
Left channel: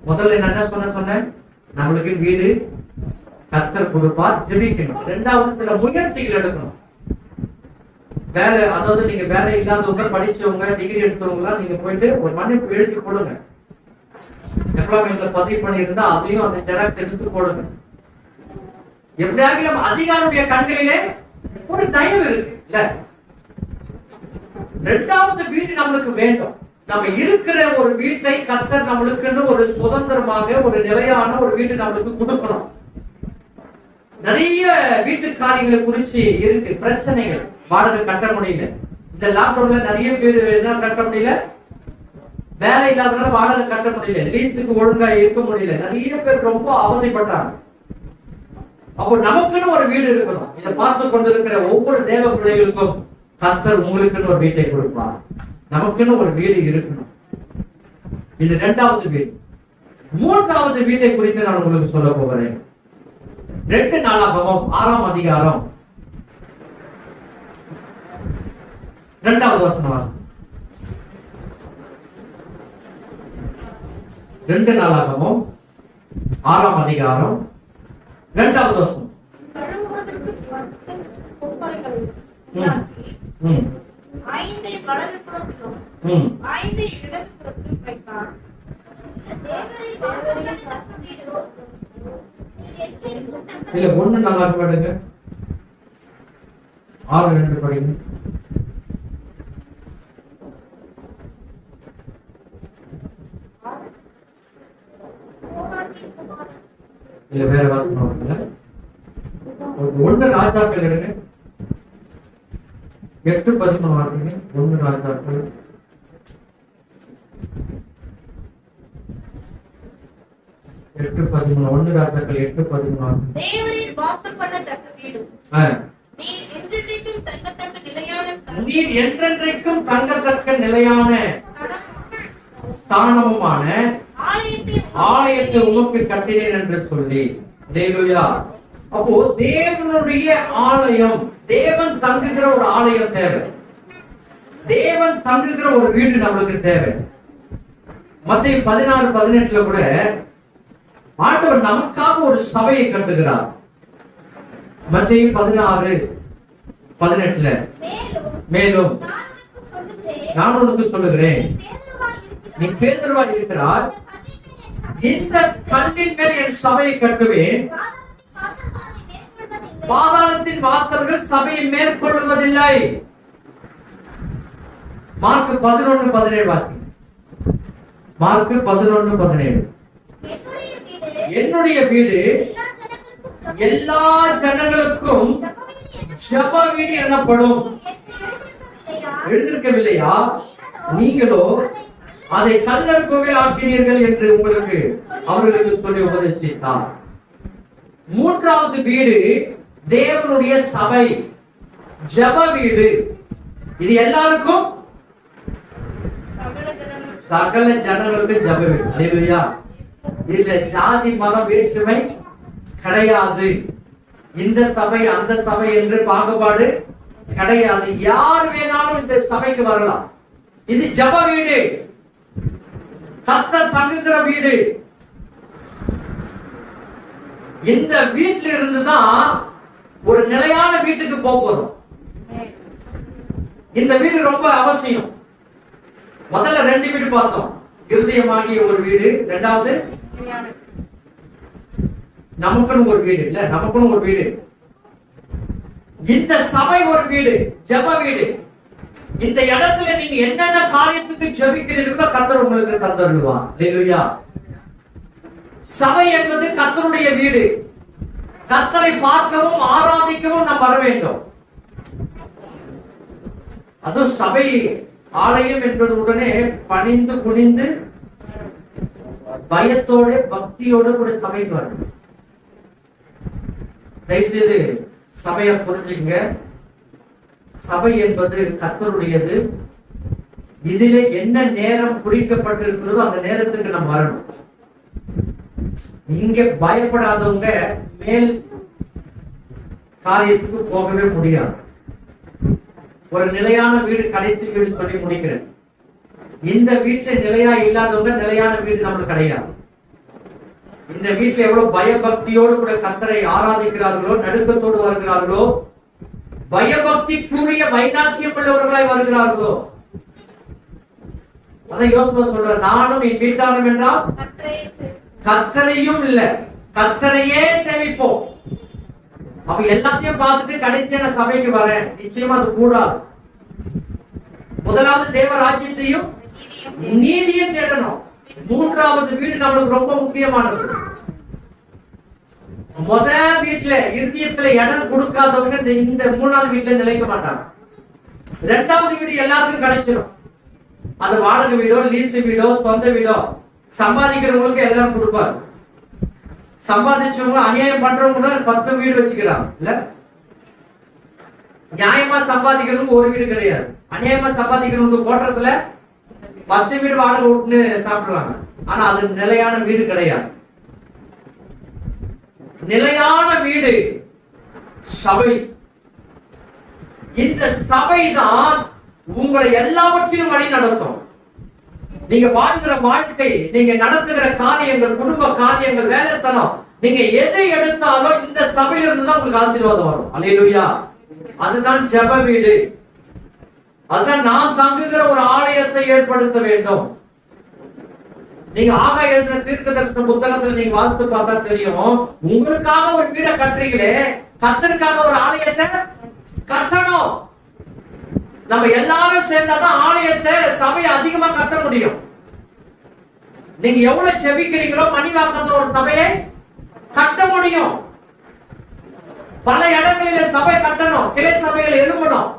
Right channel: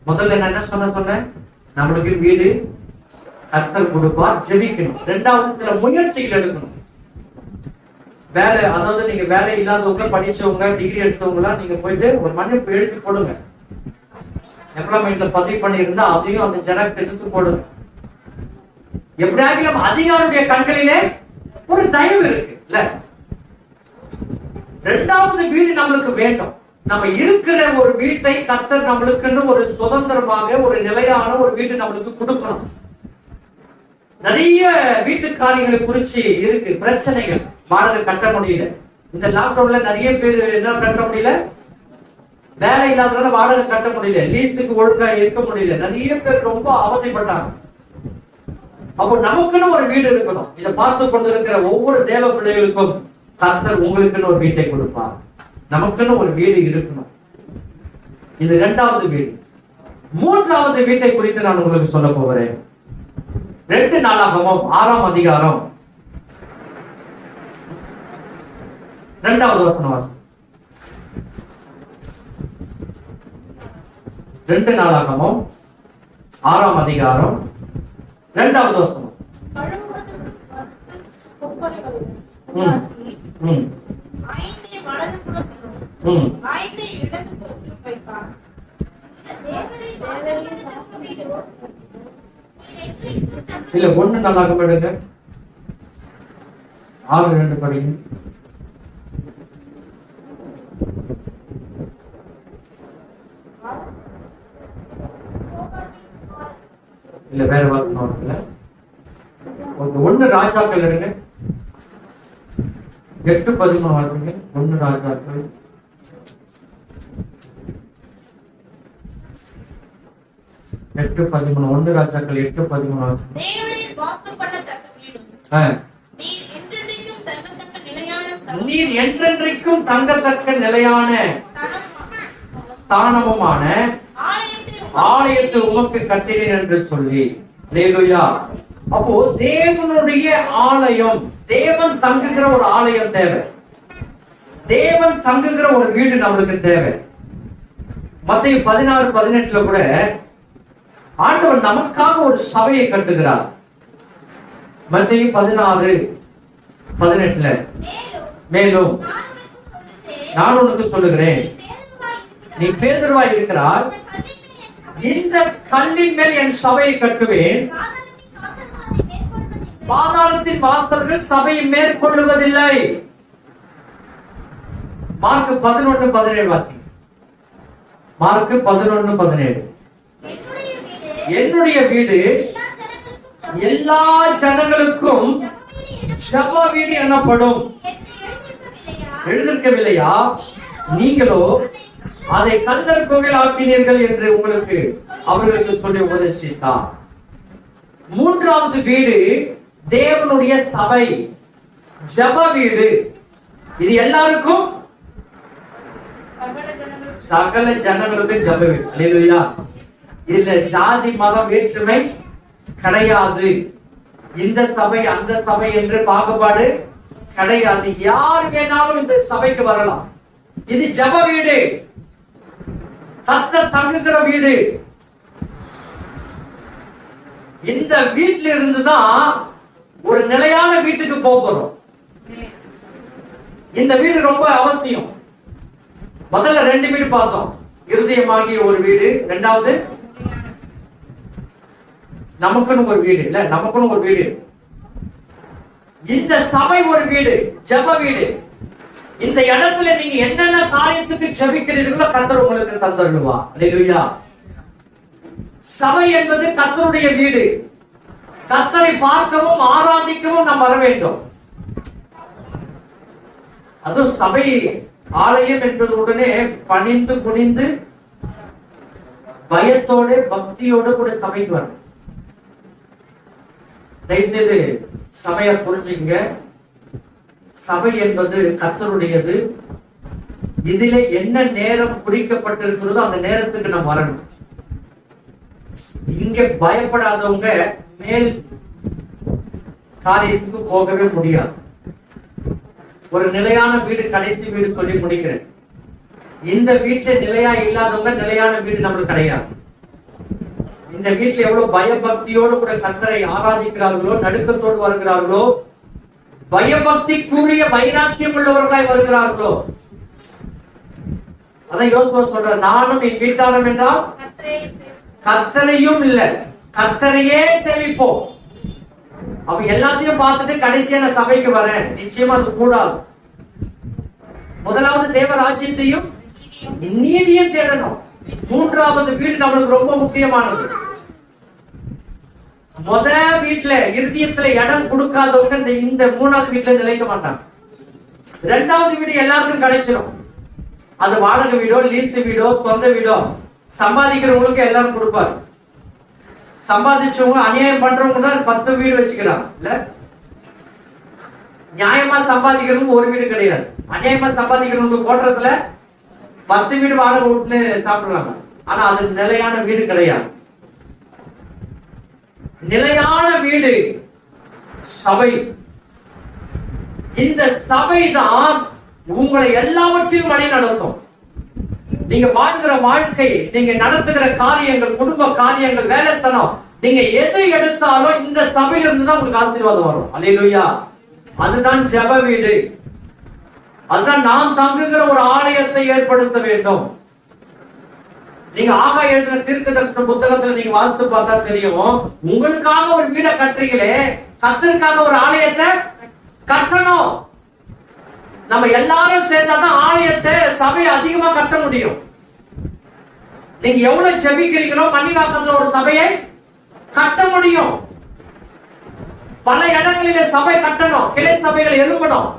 முதல்ல நான் என்ன சொன்னேன், நம்மளுக்கு வீடு கர்த்தர் கொடுப்பார், ஜெபிக்கணும். ரெண்டாவது சில முயற்சிகள் எடுக்கணும். வேலை, அதாவது நீங்க வேலை இல்லாதவங்க, படிச்சவங்க, டிகிரி எடுத்தவங்க நீங்க போயிட்டு ஒரு மன்னிப்பு எழுதி போடுங்க. எம்ப்ளாய்மெண்ட்ல பதிவு பண்ணி இருந்தா அதையும் அந்த ஜெராக்ஸ் எடுத்து போடுங்க. எப்படியாகிலும் அதிகாரியுடைய கண்களிலே ஒரு தயவு இருக்கு இல்ல. ரெண்டாவது வீடு நம்மளுக்கு வேண்டும். நம்ம இருக்கிற ஒரு வீட்டை கர்த்தர் நம்மளுக்குன்னு ஒரு சுதந்திரமாக ஒரு நிலையான ஒரு வீடு நம்மளுக்கு கொடுக்கணும். நிறைய வீட்டு காரியங்களை குறிச்சு இருக்கு பிரச்சனைகள். வாடகை கட்ட முடியல. இந்த லாக்டவுன்ல நிறைய பேர் என்ன கட்ட முடியல, வேலை இல்லாதனால வாடகை கட்ட முடியல, லீஸுக்கு ஒழுங்கா இருக்க முடியல. நிறைய பேர் ரொம்ப அவதிப்பட்டாங்க. அப்போ நமக்குன்னு ஒரு வீடு இருக்கணும். இதை பார்த்து கொண்டிருக்கிற ஒவ்வொரு தேவ பிள்ளைகளுக்கும் கர்த்தர் உங்களுக்குன்னு ஒரு வீட்டை கொடுப்பார். நமக்குன்னு ஒரு வீடு இருக்கணும். இது இரண்டாவது வீடு. மூன்றாவது வீட்டை குறித்து நான் உங்களுக்கு சொல்ல போகிறேன். 2 நாளாகமம் 6ஆம் அதிகாரம் 2வது வசனம் வாசி. 2 நாளாகமம் 6ஆம் அதிகாரம் 2வது வசனம். இல்ல 1 நாளாக படுங்க. 6:2 படிங்க. இல்ல வேற வாசனம் இருக்குல்ல? 1 ராஜாக்கள் எடுங்க, 8:13 வாசிங்க. 1 ராஜாக்கள் 8:13. 1 ராஜாக்கள் 8:13 வாசிங்க. தேவரீர் வாசம் பண்ணத்தக்க வீடும், நீர் என்றென்றைக்கும் தங்கத்தக்க நிலையான ஸ்தானமுமான ஆலயத்தை உமக்கு கட்டினேன் என்று சொல்லி. அல்லேலூயா. அப்போ தேவனுடைய ஆலயம், தேவன் தங்குகிற ஒரு ஆலயம் தேவை, தேவன் தங்குகிற ஒரு வீடு நம்மளுக்கு தேவை. மத்தேயு 16:18 கூட ஆண்டவர் நமக்காக ஒரு சபையை கட்டுகிறார். மத்தேயு 16:18 மேலும் நான் உனக்கு சொல்லுகிறேன், நீ பேதுருவாய் இருக்கிறாய், இந்த கல்லின் மேல் என் சபையை கட்டுவேன், பாதாளத்தின் வாசல்கள் சபையை மேற்கொள்ளுவதில்லை. மார்க் 11:17 வாசி. மார்க் 11:17. என்னுடைய வீடு எல்லா ஜனங்களுக்கும் ஜெப வீடு எனப்படும். எழுதிருக்கவில்லையா? நீங்களோ அதை கல்லர் கோவில் ஆக்கினீர்கள் என்று அவர்களுக்கு சொல்லி உபதேசித்தார். 3வது வீடு தேவனுடைய சபை, ஜெப வீடு. இது எல்லாருக்கும், சகல ஜனங்களுக்கு ஜெப வீடு. அல்லேலூயா. இதுல ஜாதி மத வேற்றுமை கிடையாது. இந்த சபை அந்த சபை என்று பாகுபாடு கிடையாது. யார் வேணாலும் இந்த சபைக்கு வரலாம். இது ஜெப வீடு, கர்த்தர் தங்குகிற வீடு. இந்த வீட்டில இருந்துதான் ஒரு நிலையான வீட்டுக்கு போகிறோம். இந்த வீடு ரொம்ப அவசியம். முதல்ல 2 வீடு பார்த்தோம். இருதயமாகிய ஒரு வீடு, 2வது நமக்குன்னு ஒரு வீடு. இல்ல, நமக்குன்னு ஒரு வீடு. இந்த சபை ஒரு வீடு, ஜெப வீடு. இந்த இடத்துல நீங்க என்னென்ன காரியத்துக்கு ஜெபிக்கிறீர்களோ கர்த்தர் உங்களுக்கு தந்தருள்வார். அல்லேலூயா. சபை என்பது கர்த்தருடைய வீடு. கர்த்தரை பார்க்கவும் ஆராதிக்கவும் நாம் வர வேண்டும். அது சபை ஆலயம் என்பது உடனே பணிந்து குனிந்து பயத்தோட பக்தியோட கூட சபைக்கு வரணும். தயவுசெய்து சபையை புரிஞ்சுங்க. சபை என்பது கர்த்தருடையது. இதுல என்ன நேரம் குறிக்கப்பட்டிருக்கிறதோ அந்த நேரத்துக்கு நம்ம வரணும். இங்க பயப்படாதவங்க மேல் காரியத்துக்கு போகவே முடியாது. ஒரு நிலையான வீடு, கடைசி வீடு சொல்லி முடிக்கிறேன். இந்த வீட்டுல நிலையா இல்லாதவங்க நிலையான வீடு நம்மளுக்கு கிடையாது. இந்த வீட்டுல எவ்வளவு பயபக்தியோடு கூட கர்த்தரை ஆராதிக்கிறார்களோ, நடுக்கத்தோடு வருகிறார்களோ, பயபக்திக்குரிய வைராக்கியம் உள்ளவர்களாய் வருகிறார்களோ, அதான் யோசுவா சொல்ற, நானும் என் வீட்டாரும் என்றால் கர்த்தரையும் இல்ல கர்த்தரையே சேமிப்போம். அப்ப எல்லாத்தையும் பார்த்துட்டு கடைசியான சபைக்கு வரேன், நிச்சயமா அது கூடாது. முதலாவது தேவ ராஜ்யத்தையும் நீதியை தேடணும். 3வது வீடு நம்மளுக்கு ரொம்ப முக்கியமானது. வீட்டுல இருதயத்துல இடம் கொடுக்காதவங்க இந்த 3வது வீட்டுல நிலைக்க மாட்டாங்க. 2வது வீடு எல்லாருக்கும் கிடைச்சிடும். அது வாடகை வீடோ, லீஸ் வீடோ, சொந்த வீடோ, சம்பாதிக்கிறவங்களுக்கு எல்லாரும் கொடுப்பாரு. சம்பாதிச்சவங்க அநியாயம் பண்றவங்க 10 வீடு வச்சுக்கிறாங்க. இல்ல, நியாயமா சம்பாதிக்கிறவங்க ஒரு வீடு கிடையாது. அநியாயமா சம்பாதிக்கிறவங்க கோட்ரஸ்ல 10 வீடு வாடகை விட்டுன்னு சாப்பிடுறாங்க. ஆனா அது நிலையான வீடு கிடையாது. நிலையான வீடு சபை. இந்த சபை தான் உங்களை எல்லாவற்றையும் வழி நடத்தும். நீங்க வாழ்கிற வாழ்க்கை, நீங்க நடத்துகிற காரியங்கள், குடும்ப காரியங்கள், வேலைத்தனம், நீங்க எதை எடுத்தாலும் இந்த சபையில இருந்து தான் உங்களுக்கு ஆசீர்வாதம் வரும். அல்லேலூயா. அதுதான் ஜெப வீடு. அதுதான் நாம் தங்குகிற ஒரு ஆலயத்தை ஏற்படுத்த வேண்டும். நீங்க ஆகா எழுதின தீர்க்க தரிசன புத்தகத்துல நீங்க வாசித்து பார்த்தா தெரியும். உங்களுக்காக ஒரு வீடை கட்டுறீங்களே, கர்த்தருக்காக ஒரு ஆலயத்தை கட்டணும். நம்ம எல்லாரும் சேர்ந்தாதான் ஆலயத்தை, சபையை அதிகமா கட்ட முடியும். நீங்க எவ்வளவு ஜெபிக்கிறீங்களோ மணிவாக்கத்துல ஒரு சபையை கட்ட முடியும். பல இடங்களிலே சபை கட்டணும், கிளை சபைகள் எழுப்பணும்.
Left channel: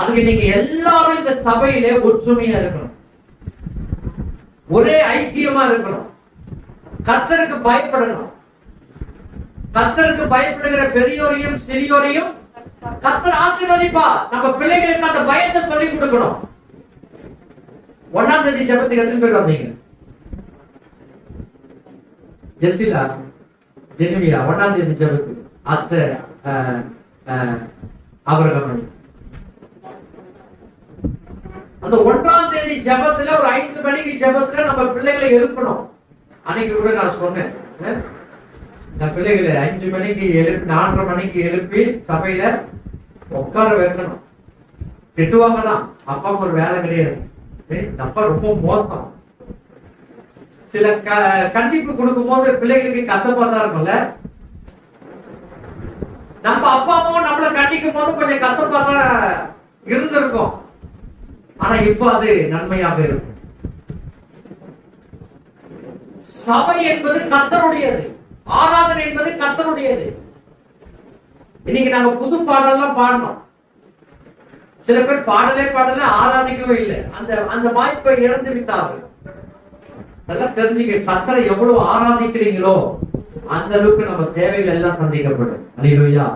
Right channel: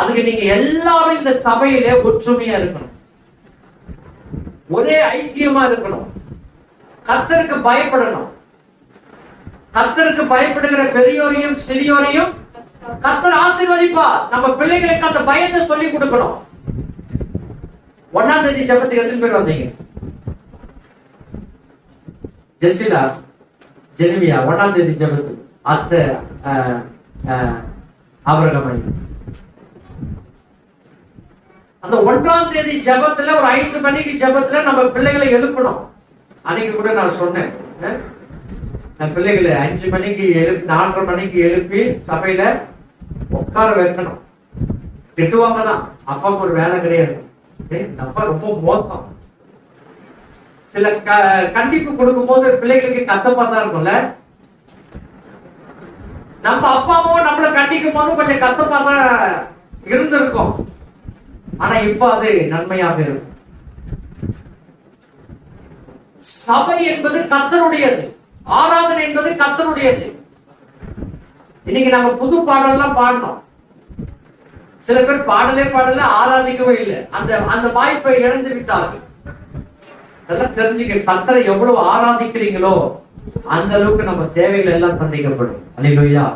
அதுக்கு நீங்க எல்லாரும் இந்த சபையிலே ஒற்றுமையா இருக்கணும், ஒரே ஐக்கியமா இருக்கணும், கர்த்தருக்கு பயப்படணும். கர்த்தருக்கு பயப்படுகிற பெரியோரையும் சிறியோரையும் கர்த்தர் ஆசீர்வதிப்பா. நம்ம பிள்ளைகளுக்கு அந்த பயத்தை சொல்லி கொடுக்கணும். 1ஆம் தேதி ஜெபத்துக்கு எத்தனை பேர் வந்தீங்க? ஜெசிலா, ஜெனிவியா 1ஆம் தேதி ஜெபத்துக்கு, அத்தை அவரகமணி. அந்த 1ஆம் தேதி ஜெபத்துல ஒரு 5 மணிக்கு ஜெபத்துல நம்ம பிள்ளைகளை எழுப்பணும். அன்னைக்கு கூட நான் சொன்னேன், நான் பிள்ளைகளை 5 மணிக்கு எழுப்பி 4:30 மணிக்கு எழுப்பி சபையில உட்கார வைக்கணும். திட்டுவாங்க தான், அப்பாவுக்கு ஒரு வேலை கிடையாது, அப்பா ரொம்ப மோசம். சில கண்டிப்பு கொடுக்கும் போது பிள்ளைகளுக்கு கசப்பா தான் இருக்கும்ல. நம்ம அப்பாவும் நம்மள கண்டிக்கும் போது கொஞ்சம் கசப்பா தான் இருந்திருக்கும். ஆனா இப்ப அது நன்மையாக இருக்கும். சபை என்பது கர்த்தருடையது, ஆராதனை என்பது கர்த்தருடையது. இன்னைக்கு நாங்க புது பாடலாம் பாடணும். சில பேர் பாடலே ஆராதிக்கவே இல்லை, அந்த வாய்ப்பை இழந்து விட்டார்கள். அதெல்லாம் தெரிஞ்சுக்க, கர்த்தரை எவ்வளவு ஆராதிக்கிறீங்களோ அந்த அளவுக்கு நம்ம தேவைகள் எல்லாம் சந்திக்கப்படும். அல்லேலூயா.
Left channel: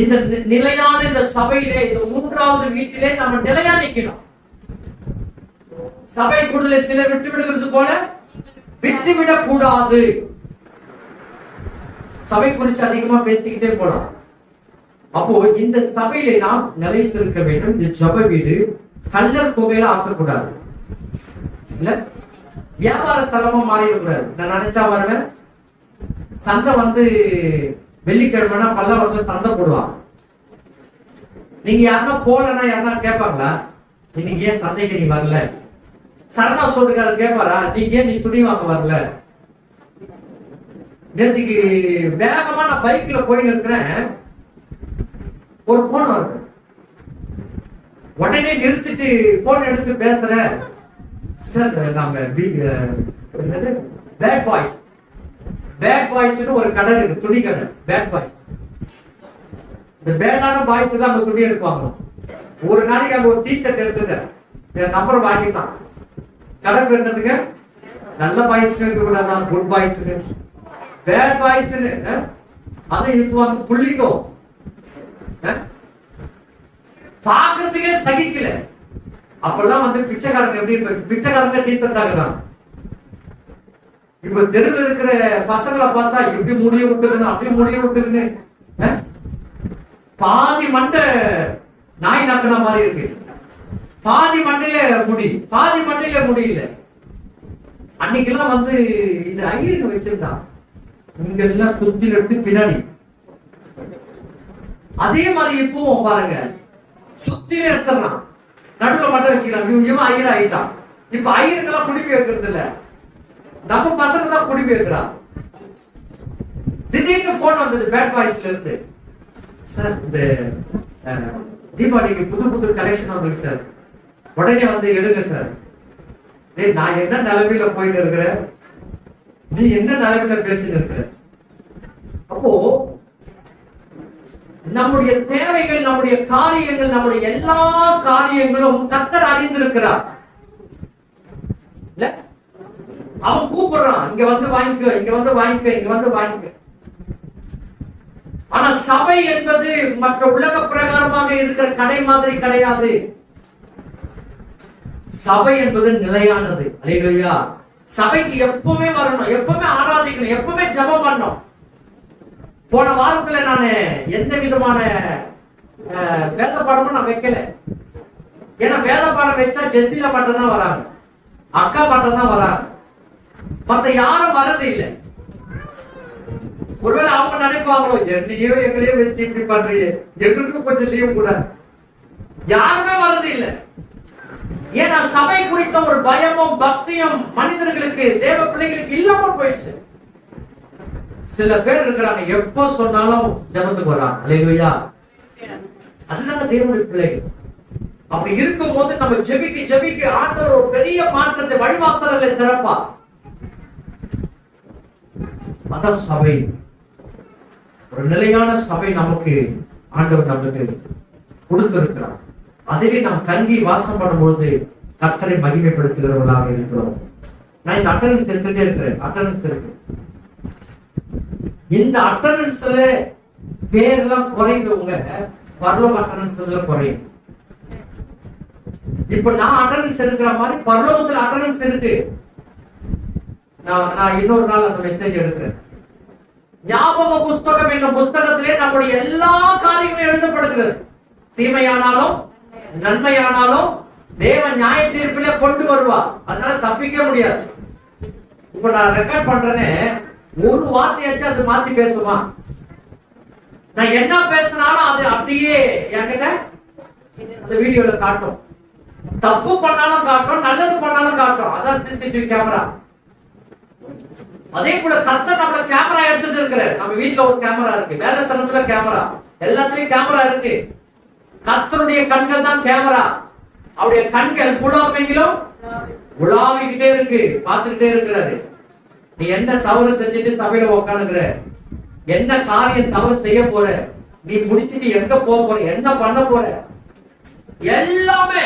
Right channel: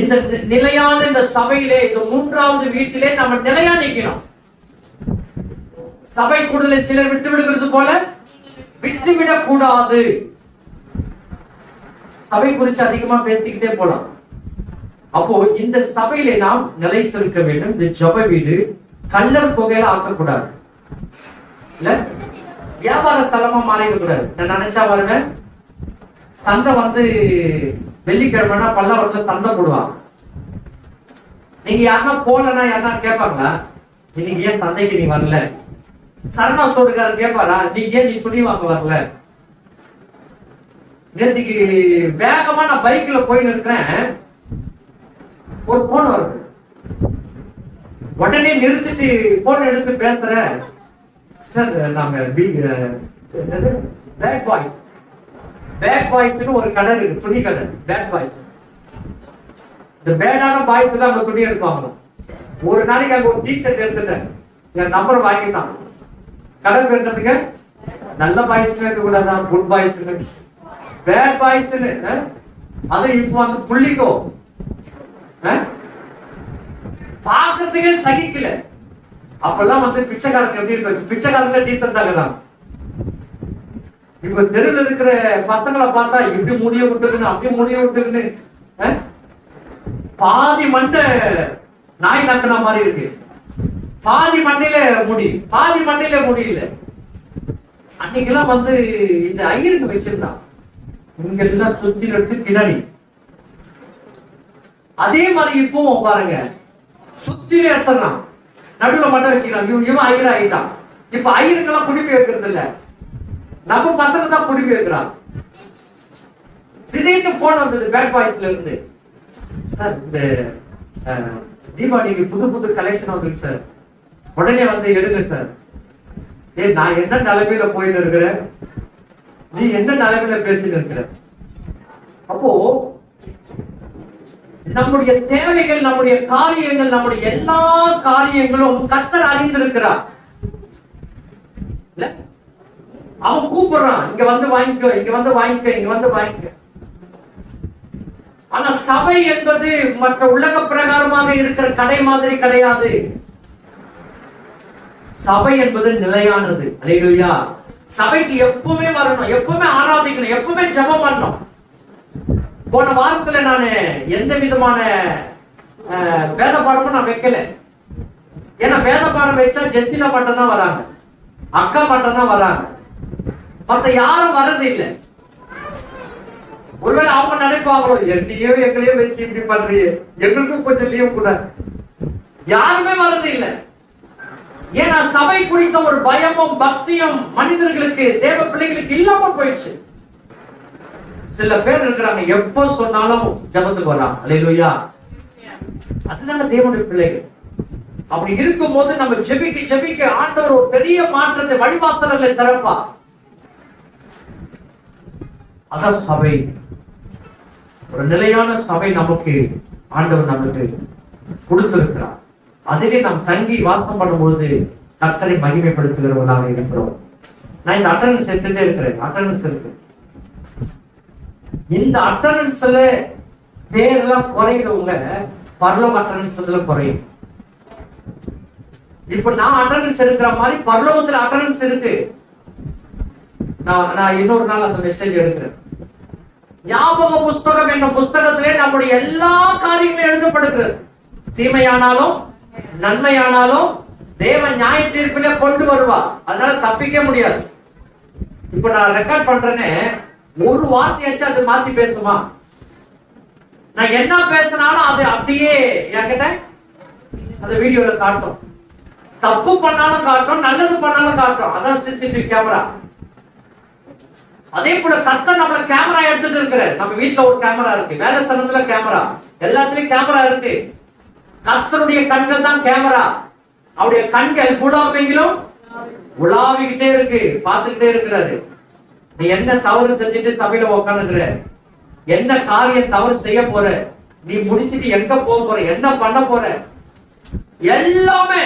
இந்த நிலையான இந்த சபையிலே, இந்த 3வது வீட்டிலே நம்ம நிலையா நிக்கணும். சபை கூடல சிலர் விட்டு விடுகிறது போல விட்டுவிடக் கூடாது. சபை குறித்து அதிகமா பேசிக்கிட்டே போலாம். அப்போ இந்த சபையிலே நாம் நிலைத்திருக்க வேண்டும். இந்த ஜெப வீடு கல்லர் புகையில ஆக்கக்கூடாது, இல்ல வியாபார ஸ்தலமா மாறிடக்கூடாது. நான் நினைச்சா வருவேன், சந்தை வந்து வெள்ளிக்கிழமைனா பல்லாவரத்துல சந்தை போடுவாங்க. நீங்க யாருன்னா போலன்னா யாருன்னா கேட்பாங்களா, இன்னைக்கு ஏன் சந்தைக்கு நீ வரல? சரணா ஸ்டோருக்காரர் கேட்பாரா, நீ துணி வாங்க வரல? நேற்றுக்கு வேகமா நான் பைக்ல போயின்னு இருக்கிறேன், ஒரு போன் வருது. உடனே நிறுத்திட்டு போன் எடுத்து பேசுற, நாங்க பேட் பாய்ஸ் ஒரு கடை இருக்கு, துணி கடை, பேட் பாய்ஸ். இந்த பேடான பாய்ஸ் தான் அவங்க துணி எடுப்பாங்க. ஒரு நாளைக்கு அங்க ஒரு டிஷர்ட் எடுத்துட்டேன், என் நம்பர் வாங்கிட்டான். கடை பேருந்ததுக்கு நல்ல பாய்ஸ் இருக்க கூடாதா, குட் பாய்ஸ், பேட் பாய்ஸ். அது இப்போ வந்து புள்ளிக்கோ பாக்குறதுக்கே சகிக்கல. அப்பெல்லாம் வந்து பிச்சைக்காரங்க எப்படி இருப்பாங்க, பிச்சைக்காரங்க டீசென்ட் ஆகுறாங்க. இப்ப தெருவில் இருக்கிற பசங்களை பார்த்தா இப்படி முடிய விட்டுருன்னு, அப்படியே முடிய விட்டுருன்னு, பாதி மண்டை நாய் நக்கின மாதிரி இருக்கு. பாதி மண்டையில முடி, பாதி மண்டையில முடியல. அன்னைக்கெல்லாம் வந்து இந்த ஐயருக்கு வச்சிருந்தான், இங்க எல்லாம் சுத்தி எடுத்து பின்னாடி. அதே மாதிரி இப்பவும் பாருங்க, சுத்தில எடுத்துறான், நடுவுல மட்டும் வச்சுக்கிறான். இவன் ஐயர் ஆயிட்டான். இப்ப ஐயருக்கெல்லாம் குடிப்பி வைக்கிறது இல்ல, நம்ம பசங்க தான் குடிப்பி வைக்கிறான். திடீர்னு போன் வந்தது பேட் பாய்ஸ்ல இருந்து, சார் இந்த தீபாவளிக்கு புது கலெக்ஷன் வந்திருக்கு சார், உடனே வந்து எடுங்க சார். நான் என்ன நிலைமையில போயிட்டு இருக்கிறேன், நீ என்ன நிலைமையில பேசிட்டு இருக்கிற? அப்போ நம்முடைய தேவைகள், நம்முடைய காரியங்கள், நம்முடைய எல்லா காரியங்களும் கர்த்தர் அறிந்திருக்கிறார். அவன் கூப்பிடுறான், இங்க வந்து வாங்கிக்கோ, இங்க வந்து வாங்கிக்க, இங்க வந்து வாங்கிக்க. ஆனா சபை என்பது மற்ற உலக பிரகாரமாக இருக்கிற கடை மாதிரி கிடையாது. சபை என்பது நிலையானது. அல்லேலூயா. சபைக்கு எப்பவுமே வரணும், எப்பவுமே ஆராதிக்கணும், எப்பவுமே ஜெபம் பண்ணணும். போன வாரத்துல நான் எந்த விதமான வேத பாடமும் நான் வைக்கல. ஏன்னா வேத பாடம் வச்சா ஜெஸ்டிலா மட்டும் தான் வராங்க, அக்கா மட்டும் தான் வராங்க, மத்த யாரும் வர்றது இல்லை. ஒருவேளை அவங்க நினைப்பாங்களோ, என்னையோ எங்களையோ வச்சு இப்படி பண்றியே, எங்களுக்கும் கொஞ்சம் லீவ் கூட. யாருமே வர்றது இல்லை. ஏன்னா சபை குறித்த ஒரு பயமும் பக்தியும் மனிதர்களுக்கு, தேவ பிள்ளைகளுக்கு இல்லாம போயிடுச்சு. சில பேர் இருக்கிறாங்க, எப்போ சொன்னாலும் ஜெபத்துக்கு வராங்க. அல்லேலூயா. அதனால தேவனுடைய பிள்ளைகள் அப்படி இருக்கும் போது நம்ம ஜெபிக்க ஆண்டவர் ஒரு பெரிய மாற்றத்தை, வழிவாசல்களை திறப்பா. அதான் சபை. ஒரு நிலையான சபை நமக்கு ஆண்டவர் நமக்கு கொடுத்திருக்கிறார். அதிலே நாம் தங்கி வாசம் பண்ணும்போது கர்த்தரை மகிமைப்படுத்துகிறவர்களாக இருக்கிறோம். நான் இந்த அட்டண்டன்ஸ் எடுத்துட்டே இருக்கிறேன். அட்டண்டன்ஸ் இருக்கு. இந்த அட்டண்டன்ஸ்ல பேர்லாம் குறைந்தவங்க பரலோக அட்டண்டன்ஸ்ல குறையும். இப்ப நான் அட்டண்டன்ஸ் எடுக்கிற மாதிரி பரலோகத்துல அட்டண்டன்ஸ் இருக்கு. நான் இன்னொரு நாள் அந்த மெசேஜ் எடுக்கிறேன். ஞாபக புஸ்தகம் என்ற புஸ்தகத்திலே நம்முடைய எல்லா காரியங்களும் எழுதப்படுகிறது. தீமையானாலும் நன்மையானாலும் தேவன் நியாய தீர்ப்பில கொண்டு வருவார். அதனால தப்பிக்க முடியாது. இப்ப நான் ரெக்கார்ட் பண்றேன்னு ஒரு வார்த்தையாச்சும் அது மாத்தி பேசுமா? நான் என்ன பேசினாலும் அது அப்படியே என்கிட்ட அந்த வீடியோல காட்டும். தப்பு பண்ணாலும் காட்டும், நல்லது பண்ணாலும் காட்டும். அதான் சிசிடிவி கேமரா. அதே போல கர்த்தர் நம்மள கேமரா எடுத்துட்டு இருக்கிறார். நம்ம வீட்டுல ஒரு கேமரா இருக்கு, வேலை ஸ்தலத்துல கேமரா, எல்லாத்துலயும் கேமரா இருக்கு. கர்த்தருடைய கண்கள் தான் கேமரா. அவருடைய கண்கள் புலமைகளும் உலாவிக்கிட்டே இருக்கு, பார்த்துக்கிட்டே இருக்கிறாரு. நீ என்ன தவறு செஞ்சுட்டு சபையில உட்காந்துக்கிற, என்ன காரியம் தவறு செய்ய போற, நீ முடிச்சுட்டு எங்க போக போற, என்ன பண்ண போற, எல்லாமே.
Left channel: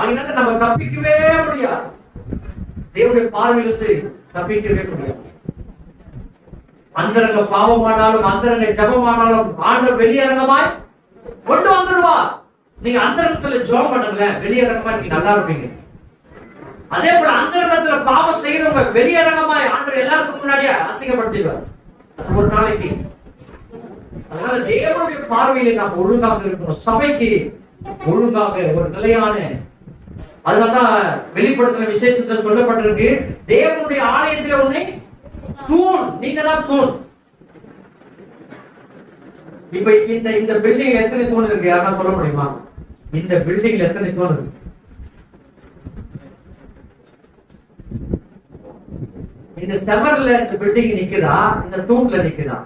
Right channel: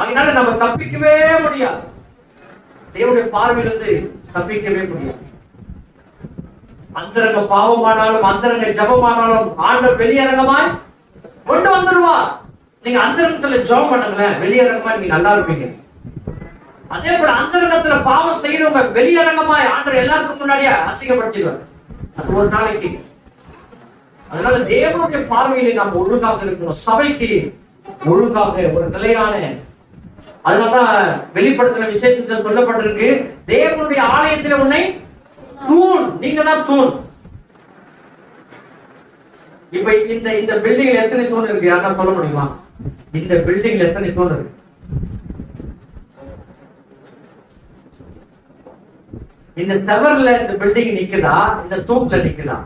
அதனால நம்ம தப்பிக்கவே முடியாது. தேவனுடைய பார்வையிலிருந்து தப்பிக்கவே முடியாது. அந்தரங்க பாவமானாலும் அந்தரங்க ஜபமானாலும் ஆண்டவர் வெளியரங்கமாய் கொண்டு வந்துருவா. நீங்க அந்தரங்கத்துல ஜெபம் பண்ணுங்களேன், வெளியரங்கமா நீங்க நல்லா இருப்பீங்க. அதே போல அந்தரங்கத்துல பாவம் செய்யறவங்க வெளியரங்கமாய் ஆண்டவர் எல்லாருக்கும் முன்னாடியே அசிங்கப்படுத்திடுவார். அது ஒரு நாளைக்கு. அதனால தேவனுடைய பார்வையில நாம் ஒழுங்காக இருக்கணும். சபைக்கு ஒழுங்காக ஒரு நிலையான, அதனாலதான் வெளிப்படுத்தின விசேஷத்தில் சொல்லப்பட்டிருக்கு, தேவனுடைய ஆலயத்தில் உன்னை தூண், நீங்க தான் தூண். இப்ப இந்த பில்டிங்ல எத்தனை தூண் இருக்கு? யாரா சொல்ல முடியுமா? இந்த பில்டிங்ல எத்தனை தூண் இருக்கு? இந்த செவர்ல இந்த பில்டிங் நிக்குதா, இந்த தூண்ல நிக்குதா?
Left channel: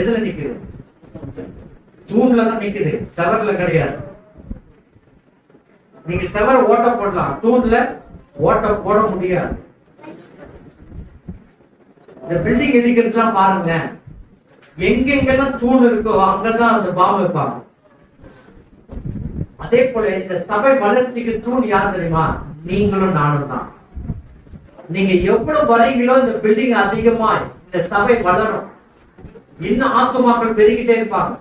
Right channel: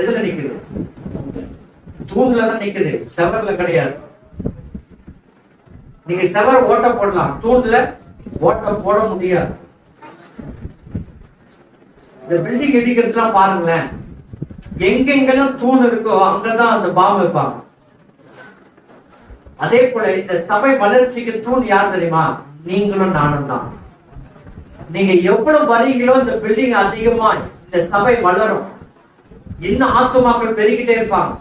எதுல நிக்குது? தூண்ல தான் நிக்குது, செவர்ல கிடையாது. நீங்க செவர ஓட்ட போடலாம், தூண்ல ஓட்ட போட முடியாது. இந்த பில்டிங் இடிக்கிறதுலாம் பாருங்களேன், எங்கெங்கெல்லாம் தூண் இருக்கோ அங்கதான் அந்த பாம்பு வைப்பாங்க. அதே போல இந்த சபை வளர்ச்சிக்கு தூண் யார் தெரியுமா? நீங்களும் நானும் தான். நீங்க எவ்வளவு வரீங்களோ இந்த பில்டிங் அதிகமா இந்த சபை வளரும். இன்னும் ஆத்துமாக்கள் பெருகிட்டே இருப்பாங்க.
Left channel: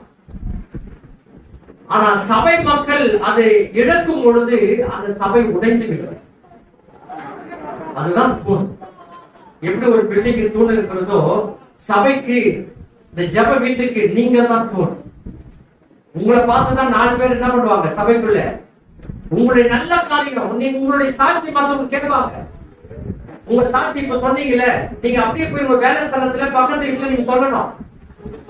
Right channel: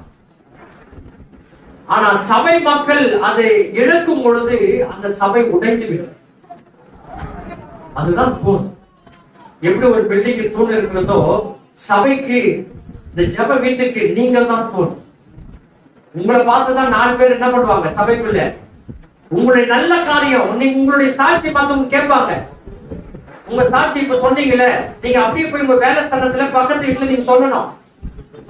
ஆனா சபை மக்கள் அதை இழக்கும் பொழுது அந்த சபை உடைந்து விடும். அதுதான் தூண். எப்படி ஒரு பில்டிங்கு தூண் இருக்கிறதோ, சபைக்கு இந்த ஜெப வீட்டுக்கு நீங்க தான் தூண். உங்களை பார்த்துதான் 4 பேர் என்ன பண்ணுவாங்க சபைக்குள்ள? உங்களுடைய நல்ல காரியம், உங்களுடைய சாட்சி மத்தவங்க கேட்பாங்க. உங்க சாட்சி இப்ப சொன்னீங்களே, நீங்க அப்படியே போய் உங்க வேலை ஸ்தலத்துல பக்கத்து வீட்டுல நீங்க சொல்லணும்,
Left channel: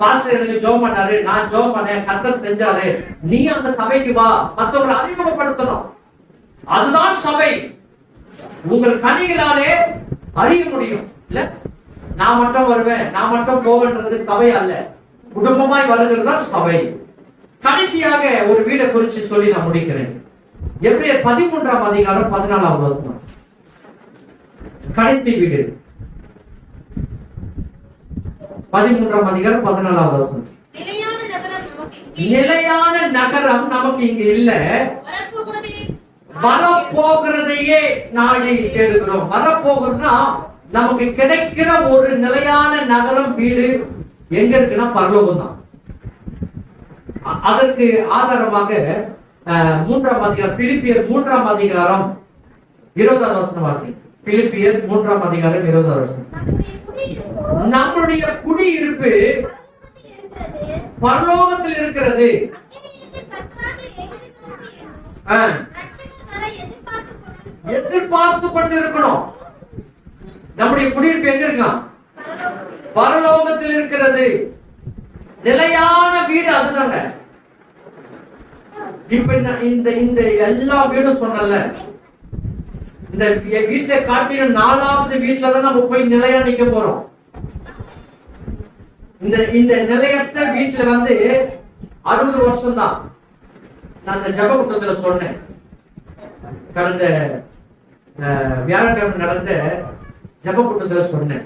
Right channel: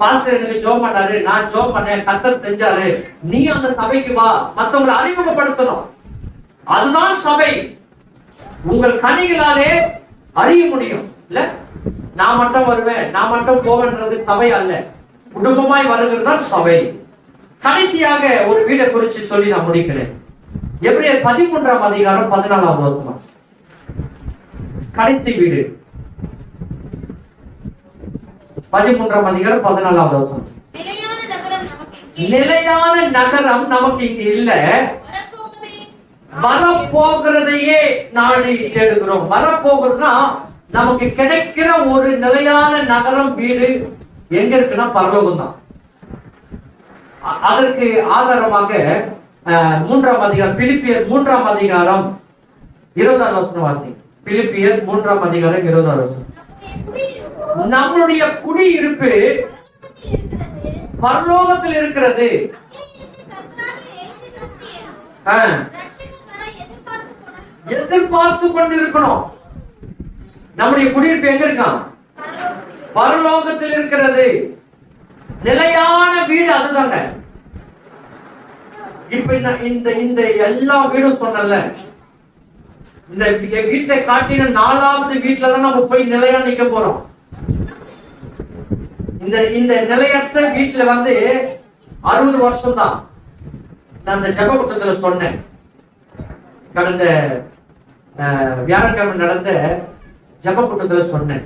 பாஸ்டர் எனக்கு ஜெபம் பண்ணாரு, நான் ஜெபம் பண்ணேன், கர்த்தர் செஞ்சாரு. நீ அந்த சபைக்கு வா, மத்தவங்களை அறிமுகப்படுத்தணும். அதுதான் சபை. உங்கள் கனிகளாலே அறிய முடியும். இல்ல நான் மட்டும் வருவேன், நான் மட்டும் போவேன்றது சபை அல்ல. குடும்பமாய் வருகிறது தான் சபை. கடைசியாக ஒரு வீடை குறித்து சொல்லி நான் முடிக்கிறேன். எபிரேயர் 13ஆம் அதிகாரம் 14வது வசனம். கடைசி வீடு 13ஆம் அதிகாரம் 14வது வசனம். நிலையான நகரம் நமக்கு இங்க இல்ல, வரப்போகிறதையே நாடி தேடுகிறோம். வரப்போகிறதுனா நமக்கு கிடைக்கிற ஒரு நிலையான நகரம், வீடு எங்க இருக்குன்னா பரலோகம் தான். அதற்கு ஆதாரமாக 3ஆம் அதிகாரம், பிலிப்பியர் 3ஆம் அதிகாரம் 20வது வசனம் வாசி. பிலிப்பியர் 3ஆம் அதிகாரம் 20வது வசனம். நம்முடைய குடியிருப்பு பரலோகத்தில் இருக்கிறது. எதிர்பார்த்து கொண்டு இருக்கணும். நம்முடைய குடியிருப்பு எங்க இருக்கான்? பரலோகத்தில் இருக்கிறது. நிலையான வீடு அதுதாங்க. இப்ப இந்த எல்லா வீடும் சொன்னல, இந்த வீட்டை காட்டின 4வது வீட்டுல தான் நம்ம போய் நிலையா நிக்க போறோம். இந்த நிலையற்ற வீட்டுல 60 வருஷம் தான். நான் அந்த ஜெப கூட்டத்துல சொன்னேன். கடந்த வியாழக்கிழமை நடந்த ஜெப கூட்டத்துல சொன்னேன்,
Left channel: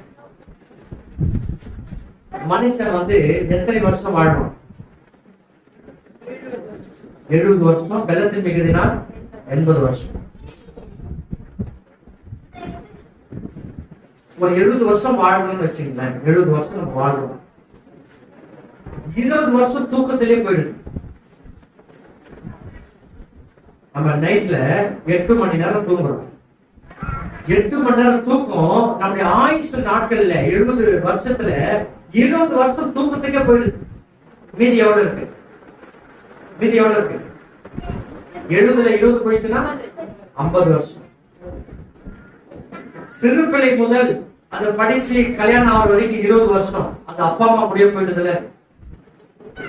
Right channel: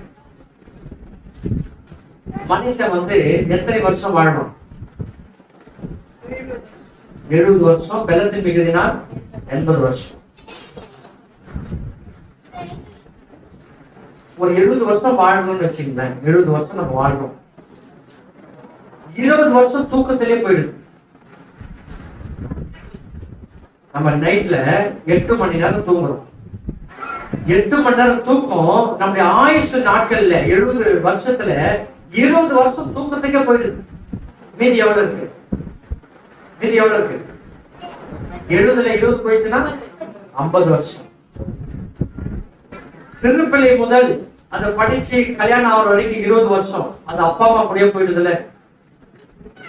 மனுஷன் எத்தனை வருஷம் வாழணும்? 70 வருஷம், பெலத்தின் மிகுதினால் 80 வருஷம். ஒரு 70 வருஷம் வாழணும்னு வச்சுங்களேன். 70 வருஷம் நம்ம வாழ்றோம். 20 வருஷம் தூக்கத்திலே போயிடுது. நம்ம நைட்ல 8 மணி நேரம் தூங்குறோம். 8 மணி நேரம் தூக்கம் நம்முடைய ஆயுசு நாட்கள்ல 70 வருஷத்துல 20 வருஷம் தூக்கத்துக்கே போயிடுது. மீதி எவ்வளவு இருக்கு? மீதி எவ்வளவு இருக்கு? 70ல 20 போயிடுச்சுன்னா 50 வருஷம். சிறு பிள்ளை முதல் அதை படிச்சு கல்யாணம் ஆகிற வரைக்கும் 20 வருஷம். அது அப்பா அம்மா கூடயே போயிடுதுல.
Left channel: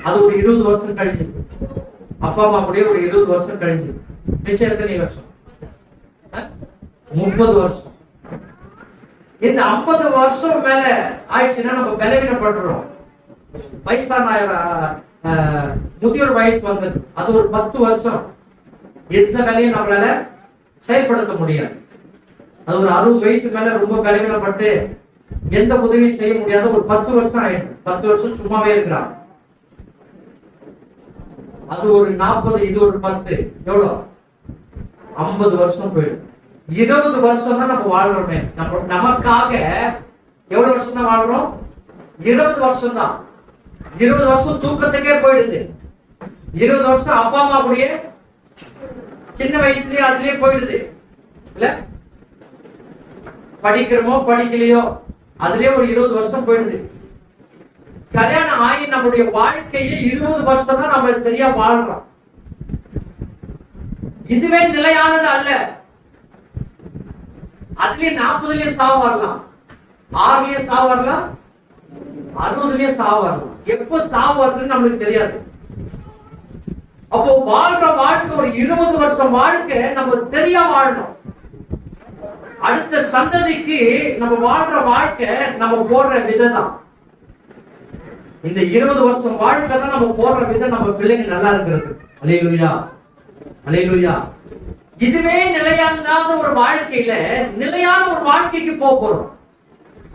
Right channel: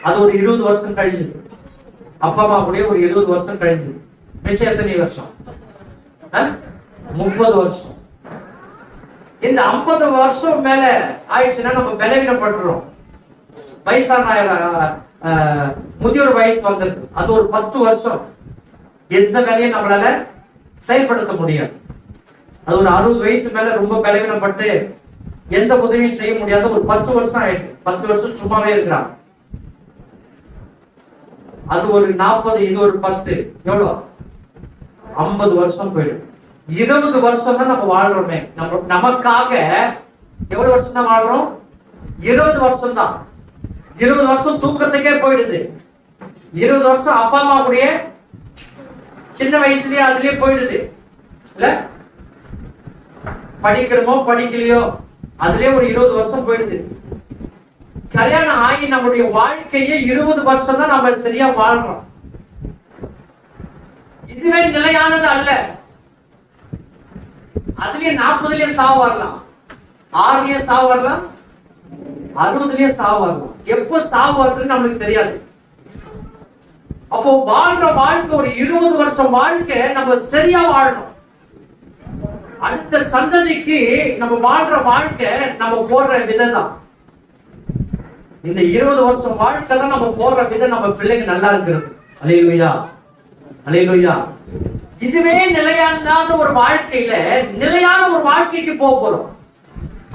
அது ஒரு 20 வருஷம் கழிஞ்சு. அப்பா அம்மா கூடயே ஒரு 20 வருஷம் கழிஞ்சு. மிச்சம் எத்தனை வருஷம்? 30 வருஷம். இந்த 50 வருஷம் மேல ஆயிடுச்சுன்னா நம்ம பலவீனப்பட்டுறோம். வயசான முதியோர் வயசு வந்தது. அது ஒரு 10 வருஷம் எந்த வேலையும் நம்மளால செயல்படுத்த முடியாது. அது ஒரு 60 வயசு மேல ரொம்ப பலவீனப்பட்டு எந்த உதவியும் செய்ய முடியாத ஒரு 10 வருஷம் ஆயிடுது. 10 வருஷம் சும்மாவே இருக்கிறான். அது ஒரு 40, இது ஒரு 10, எவ்வளவு? 50 வருஷம் போயிடும். 20 வருஷம் தான் நம்ம வாழ்றோமே. நமக்காக எவ்வளவு வருஷம் தான் வாழ்றோம்? 20 வருஷம் தான். 20 வருஷம் தூக்கத்துக்கே போயிடுது. 20 வருஷம் அப்பா அம்மா கூடயே சின்ன வயசுலயே அதுலயே போயிடுது இல்ல? படிக்கிறோமோ படிக்கலையோ அதுலயே ஒரு 20 வருஷம் போயிடுது. கல்யாணம் ஆகி நம்முடைய வாழ்க்கையே 20 வருஷம் தான் நம்ம சரியா வாழ்றோம். இதுவே நிலையானது அல்ல. அதுலயே 40லயே சாவு வரலாம், 6லயே சாவு வரலாம், 60லயே சாவு வரலாம். எப்ப சாவு வருதுன்னு நம்மளுக்கு தெரியாது. அப்போ வாழ்ற வாழ்க்கை ஒரு 20 வருஷம் வாழ்க்கை நம்ம சரியா வாழணும். அடுத்த சந்ததிக்கு நம்ம வாழ்ற வாழ்க்கை நம்ம போடுற விதம் தான். இந்த 20 வருஷம் வாழ்க்கை தான் நம்ம போடுற விதம். நம்ம பிள்ளைங்க நல்லா இருக்கிறது. அல்லேலூயா, அல்லேலூயா. இதுவே நிலையில்லாத ஒரு வாழ்க்கையில நிலையான ஒரு வாழ்க்கைக்கு போறோம்.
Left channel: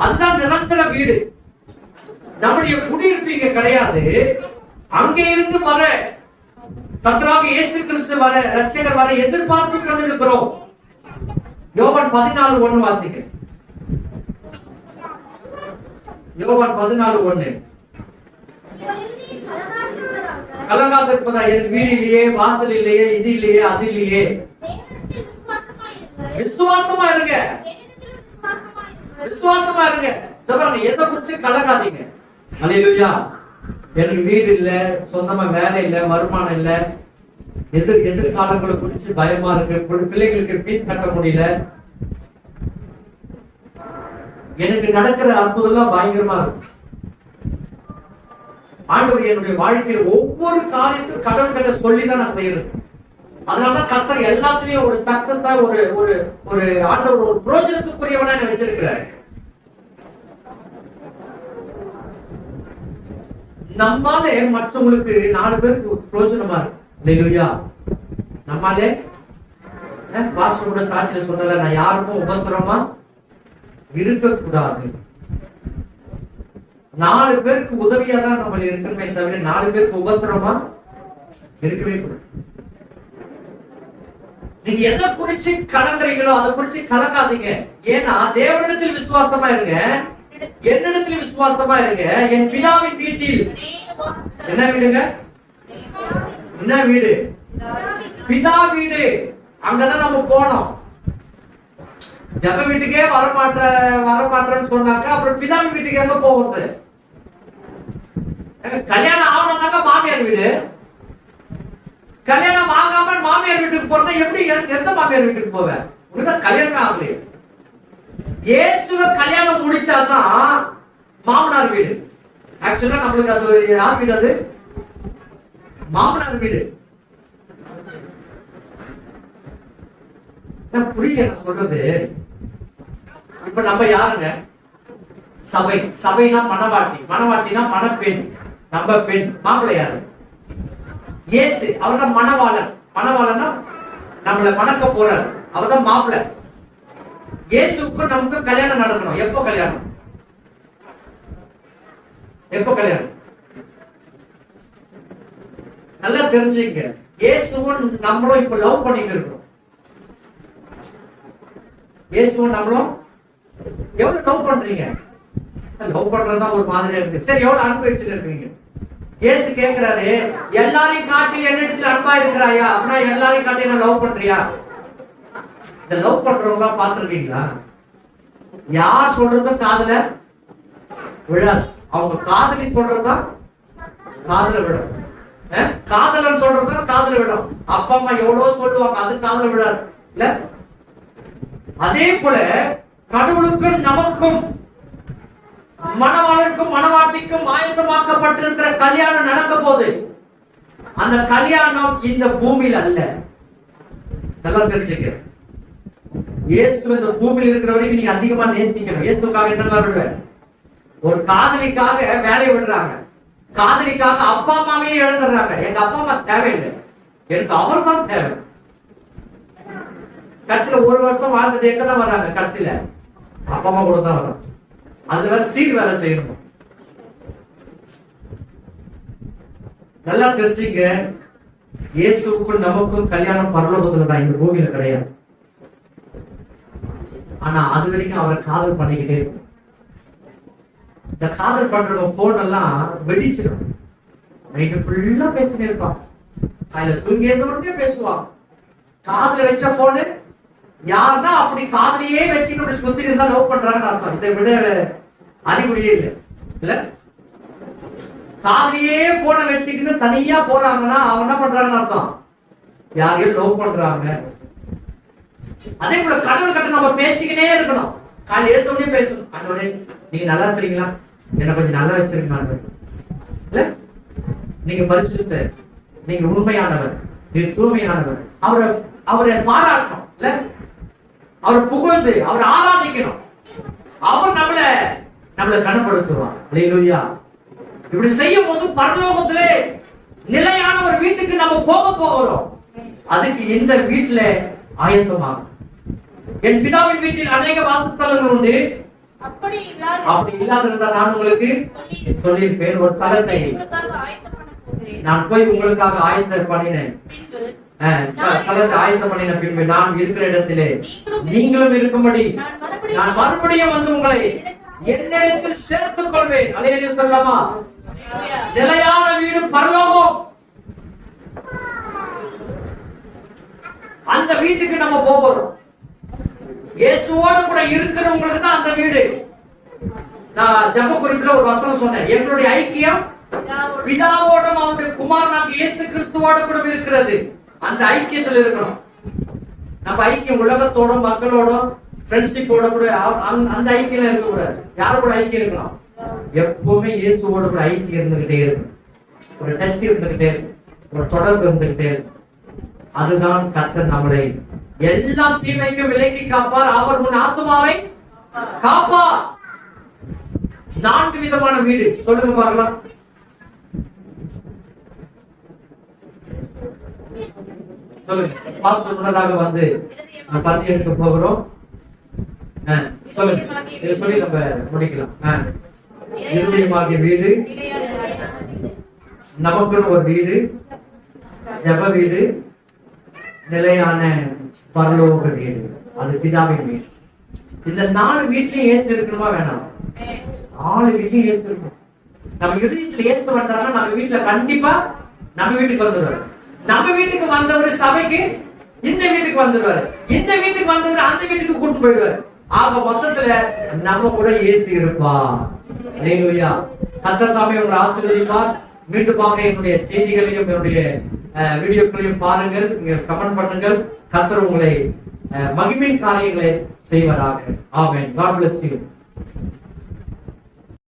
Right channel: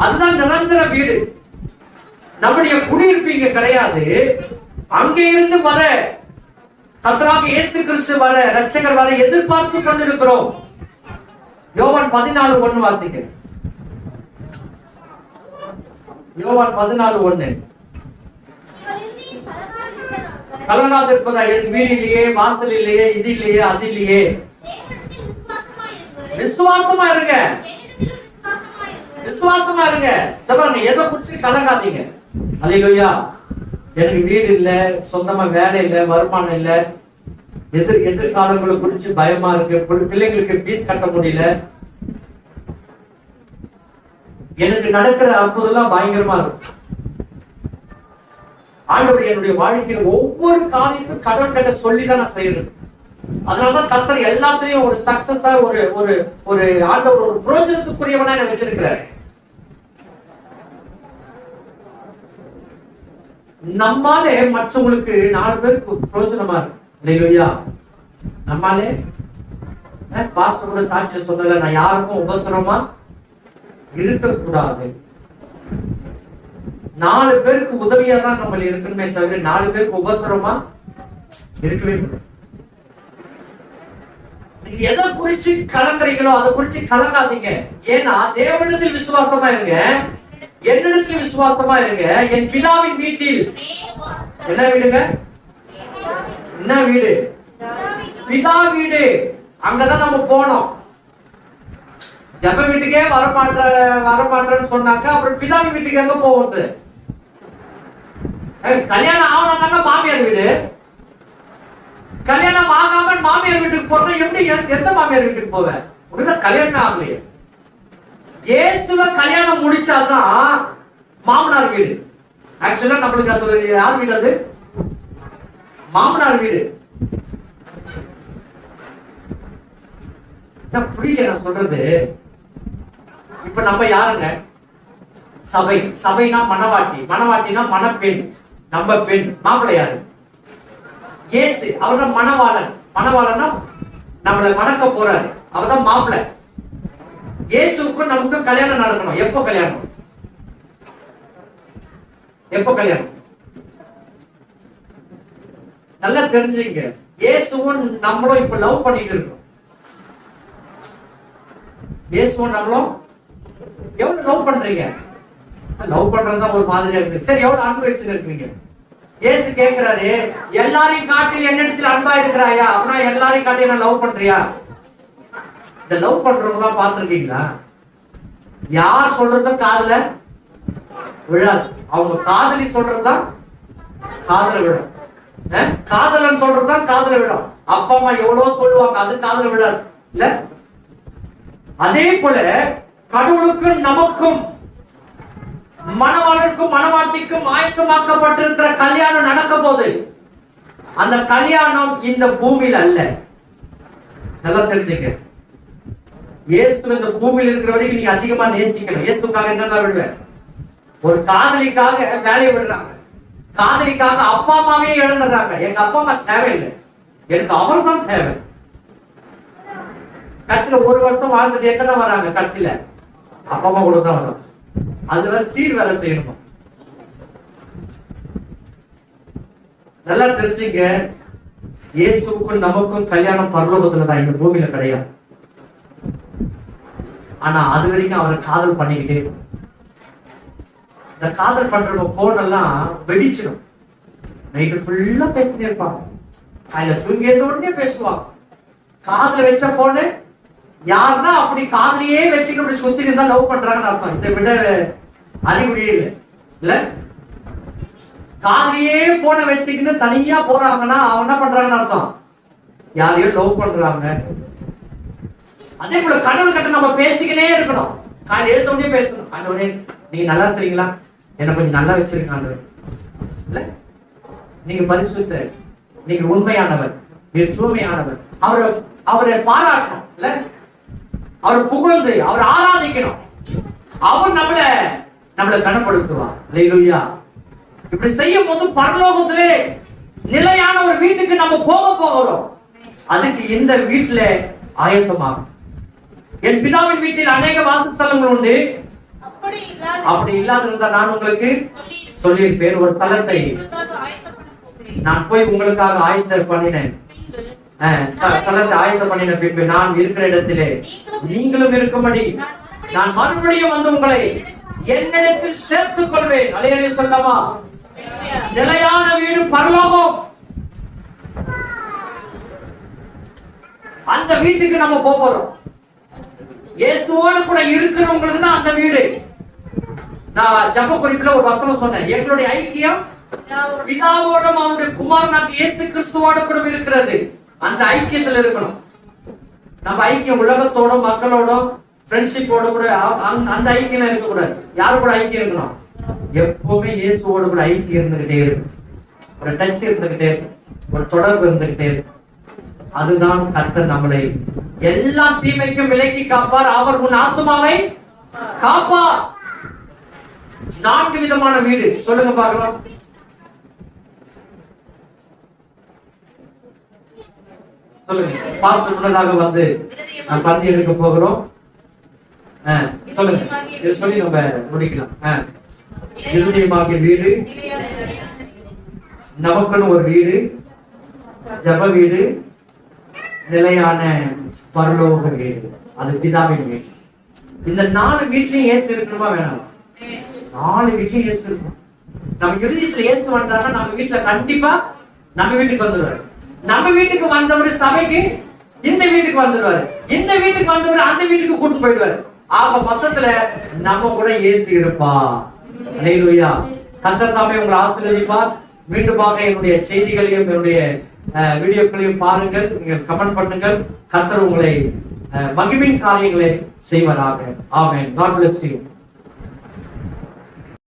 அதுதான் நிரந்தர வீடு. நம்முடைய குடியிருப்பு இங்க கிடையாது. அங்கே இருந்து வர கர்த்தராகிய இயேசு கிறிஸ்து வர, இரட்சகர் வர எதிர்பார்த்து கொண்டிருக்கிறோம். யோவான் 14:1 வாசிக்க. யோவான் 14:1. கலங்காது இருப்பதா? என் வீட்டிலேயே, வாசலிலேயே, இது இல்லையே, அது இல்லையே. விசுவாசமா இருங்க, விசுவாசமா இருங்க. எதை குறிச்சு கலங்காதீங்க. அல்லேலூயா. எனக்கு வீடு இல்ல, சொந்தமா வேலை இல்ல, வருமானம் இல்ல, எதிர்காலங்களை குறிச்சு பயமா இருக்கு, பிள்ளைங்களுக்கு ஃபீஸ் கட்ட முடியல, எனக்கு நடக்கிற அற்புதம் பயங்கரமா இருக்கு. ஆண்டவர் என்னுடைய வாழ்க்கையில ஒவ்வொரு காரியத்தையும் கடன் கட்ட சொல்லிதான் நான் செய்யறது. அதனாலதான் கர்த்தர் எல்லாத்தையும் ஒரு சக்சஸா ஒரு ஒரு ஒரு ஆண்டவர் ஒரு பிரோஜனத்துக்குரியவனா என்ன வச்சிருக்கிறார். நம்மாலே மற்றவங்களுக்கு 4 பேருக்கு பிரோஜனமா இருக்கு. அல்லேலூயா. நம்மாலே பாஸ்டர் கூட சாட்சியில சொன்னல, நான் யாருக்கும் உபத்திரமா இருக்கக்கூடாது. 4 பேருக்கு உதவியா தான் நம்ம இருக்கணுமே தவிர 4 பேருக்கு உபத்திரமா இருக்கவே கூடாது. நீங்க எதை குறிச்சு கலங்குறீங்களோ அதை குறிச்சு கலங்காதீங்க. ஏன்னா தேவனிடத்தில் விசுவாசமா இருங்க, என்னிடத்தில் விசுவாசமா இருங்க. என் பிதாவின் வீட்டில் என்ன வீடுங்க? என்ன வீடு? பிதா வீடு. அங்கதான் நம்ம போனோம். ஜப வீட்டுக்கே வரமாட்டேன்னு சொன்னாக்கா அப்புறம் பிதாவின் வீட்டுக்கு எங்க போவது? கல்யாணம் ஆகணும்னாங்க மாமியார் வீடு. கல்யாணம் ஆகாம மாமியார் வீட்டுக்கு போறதா எப்படி? எந்த மாமியார் வீட்டுக்கு போவேன்? உடனே கல்யாணம் ஆகலையே. இயேசுவ கல்யாணம் முடிச்சாதான் மாமனார் வீடு. ஆக்சுவலா நம்மளுக்கு அது யார் வீடு? அது மாமனார் வீடு. புரியல நான் சொல்றது. இப்ப நம்ம யாருங்க? சபை. சபைனா மணவாட்டி, மணவாட்டினா மணப்பெண். நம்ம பெண். மாப்பிள்ளை யாரு? இயேசு. அவர்தான் மணவாளன். மணவாளன்னா நம்மள மணக்க போறாரு. அவர்தான் மாப்பிள்ளை. இயேசுக்கும் நமக்கு கல்யாணம் நடக்கணும். எப்போ கல்யாணம்? எப்போ கல்யாணம்? நல்லா தெரிஞ்சுங்க. இயேசுவும் நம்மளும் இப்ப லவ் பண்ணிட்டு இருக்கோம். இயேசுவும் நம்மளும் எவ்வளவு லவ் பண்றீங்க? லவ் பண்றதுதான் ஒரு மாதிரியா இருக்கு. சரி, எவ்வளவு அன்பு வச்சுட்டு இருக்கீங்க? இயேசு கேட்கிறாரு, எல்லாரையும் காட்டி என்னிடத்தில் அன்பா இருக்கிறாயா? அப்படின்னா எல்லாரையும் காட்டி நான் லவ் பண்றியா? இந்த லவ் பண்றவங்க பாத்துருக்கீங்களா? யார் சொல்றதும் காதுல விழாது. அவங்க காதலி சொல்றதுதான் காதுல விடும். காதலன் சொல்றதுதான் காதுல விடும். அப்பா அம்மா எவ்வளவு சொல்லுவாங்க, அது காதுல விடாது இல்ல? அதே போல கடவுளுக்கும் நமக்கும் மணவாளருக்கும் மணவாட்டிக்கும் ஆயத்தமாக்கப்பட்டிருக்கிற கல்யாணம் நடக்க போது. அந்த கல்யாணம் இந்த பூமியில அல்ல. நல்லா தெரிஞ்சுக்க. இயேசு இந்த பூமியில இருக்கிற வரைக்கும் நீங்க அதிகமா நேசிக்கணும். இயேசுக்காக என்ன விடுவேன்? ஒரு காதலிக்காக வேலையை விடுறாங்க. காதலிக்காக அப்பா அம்மாவே இழந்துடுறாங்க. எங்க அப்பா அம்மா தேவையில்லை, எனக்கு அவர் தான் தேவை. கட்சியில ஒரு வருஷம் வாழ்ந்துட்டு எங்கதான் வராங்க? கட்சியில அப்பா அம்மா கூட தான் வரும். அது வேற சீர் வேலை செய்யணும். நல்லா தெரிஞ்சுங்க. இயேசுக்கும் நமக்கும் கல்யாணம் பரலோகத்துல தான், இந்த பூமியில கிடையாது. ஆனா அது வரைக்கும் அவரை காதல் பண்ணிக்கிட்டே இருக்கும். இந்த காதல் பண்றவங்க போன் எல்லாம் வெடிச்சிடும். நைட்டு ஃபுல்லா பேசிட்டே இருப்பான். அதுல தூங்கிட்ட உடனே பேசுவான். காதுல வச்ச போனு யாருன்னா அப்படி காதலியே வச்சுக்கிட்டு சுத்தி இருந்தா லவ் பண்றாங்கன்னு அர்த்தம். இதை விட அறிகுறியே இல்லை இல்ல? காதலியே போனை வச்சுக்கிட்டு தனியா போறாங்கன்னா அவங்க என்ன பண்றாங்கன்னு அர்த்தம், யாரையும் லவ் பண்றாங்க. அதே போல கடவுள் கிட்ட நம்ம பேசிக்கினே இருக்கணும். காலையில் எழுந்த உடனே பேசணும். ஆண்டவரே நீங்க நல்லா இருக்கிறீங்களா? என்ன கொஞ்சம் நல்லா வச்சிருங்க ஆண்டவரே. இல்ல, நீங்க பரிசுத்த, நீங்க உண்மையானவர், நீங்க தூய்மையானவர். அவரை பாராட்டணும் இல்ல? அவரை புகழ்ந்து அவரை ஆராதிக்கணும். அவர் நம்மளை கனப்படுத்துவார். அல்லேலூயா. இப்படி செய்யும் போது பரலோகத்திலே நிலையான ஒரு வீட்டுக்கு நம்ம போகிறோம். அதுக்கு இந்த வீட்டுல ஆயத்தமாகும். என் பிதாவின் வீட்டில் அநேக வாசஸ்தலங்கள் உண்டு. அப்படி இல்லாதிருந்தா நான் உங்களுக்கு சொல்லியிருப்பேன். ஒரு ஸ்தலத்தை நான் போய் உங்களுக்காக ஆயத்த பண்ணினேன். ஸ்தலத்தை ஆயத்த பண்ணின பின்பு நான் இருக்கிற இடத்திலே நீங்களும் இருக்கும்படி நான் மறுபடியும் வந்து உங்களை என்னிடத்தில் சேர்த்துக் கொள்வேன். அல்லேலூயா சொல்லாமா? நிலையான வீடு பரலோகம். அந்த வீட்டுக்கு நம்ம போறோம். இயேசுவோடு கூட இருக்கிறவங்களுக்கு தான் அந்த வீடு. நான் ஜெப குறிப்பில ஒரு வசனம் சொன்னேன். எங்களுடைய ஐக்கியம் பிதாவோடும் அவருடைய குமாரனாகிய இயேசு கிறிஸ்துவோடு கூட இருக்கிறது. அந்த ஐக்கியத்தில் இருக்கணும். நம்ம ஐக்கியம் உலகத்தோட மக்களோட ஃப்ரெண்ட்ஷிப்போட கூட அந்த ஐக்கியம் இருக்கக்கூடாது. யாரு கூட ஐக்கியம் இருக்கணும்? எப்பவுமே இயேசுவோடு கூட ஐக்கியம் இருந்துகிட்டே இருக்கும். ஒரு டச் இருந்துகிட்டே இருக்கும், ஒரு தொடர்பு இருந்துகிட்டே இருக்கும். அதுதான் கர்த்தர் நம்மளை எல்லா தீமைக்கும் விலக்கி காப்பார். அவர் உன் ஆத்துமாவை காப்பார். 4 விதமான வீடு சொல்லுங்க பார்க்கலாம். சொல்லுங்க. பாஸ்டர் முன்னதாக வந்து பந்தி எடுக்க போகிறோம். சொல்லுங்க. இதை சொல்லி நம்ம முடிக்கலாம். இருதயமாகிய வீடு, நமக்குன்னு ஒரு வீடு, ஜெப வீடு, நிலையான பரலோக வீடு, அது பிதாவின் வீடு. இந்த 4 வீட்லயும் இயேசு இருக்கணுமா வேணாம்? 4 வீட்லயும் இயேசு இருக்கும். நம்ம இருதயத்துல இயேசு வந்தாருன்னா நம்ம வீட்டுல கண்டிப்பா நம்ம வீட்டுக்கு வந்துடுவாரு. நம்ம வீட்டுக்கு வந்தவர் சபைக்கு இந்த வீட்டுக்கு வந்துடுவாரு. இந்த வீட்டுக்கு வந்தவர் அந்த வீட்டுக்கு கூட்டு போயிடுவாரு. ஆக மொத்தத்துல நம்ம கூட இயேசு இருப்பா. அல்லேலூயா. கர்த்தர் தாமே உங்களை ஆசீர்வதிப்பார். மீண்டுமாக என்னுடைய செய்திகளையும் என்னுடைய வீடியோக்களையும் பாருங்கள், நீங்கள் கமெண்ட் பண்ணுங்கள். கர்த்தர் உங்களை மகிமையின் காரியங்களை செய்வதாக. ஆமென். God bless you.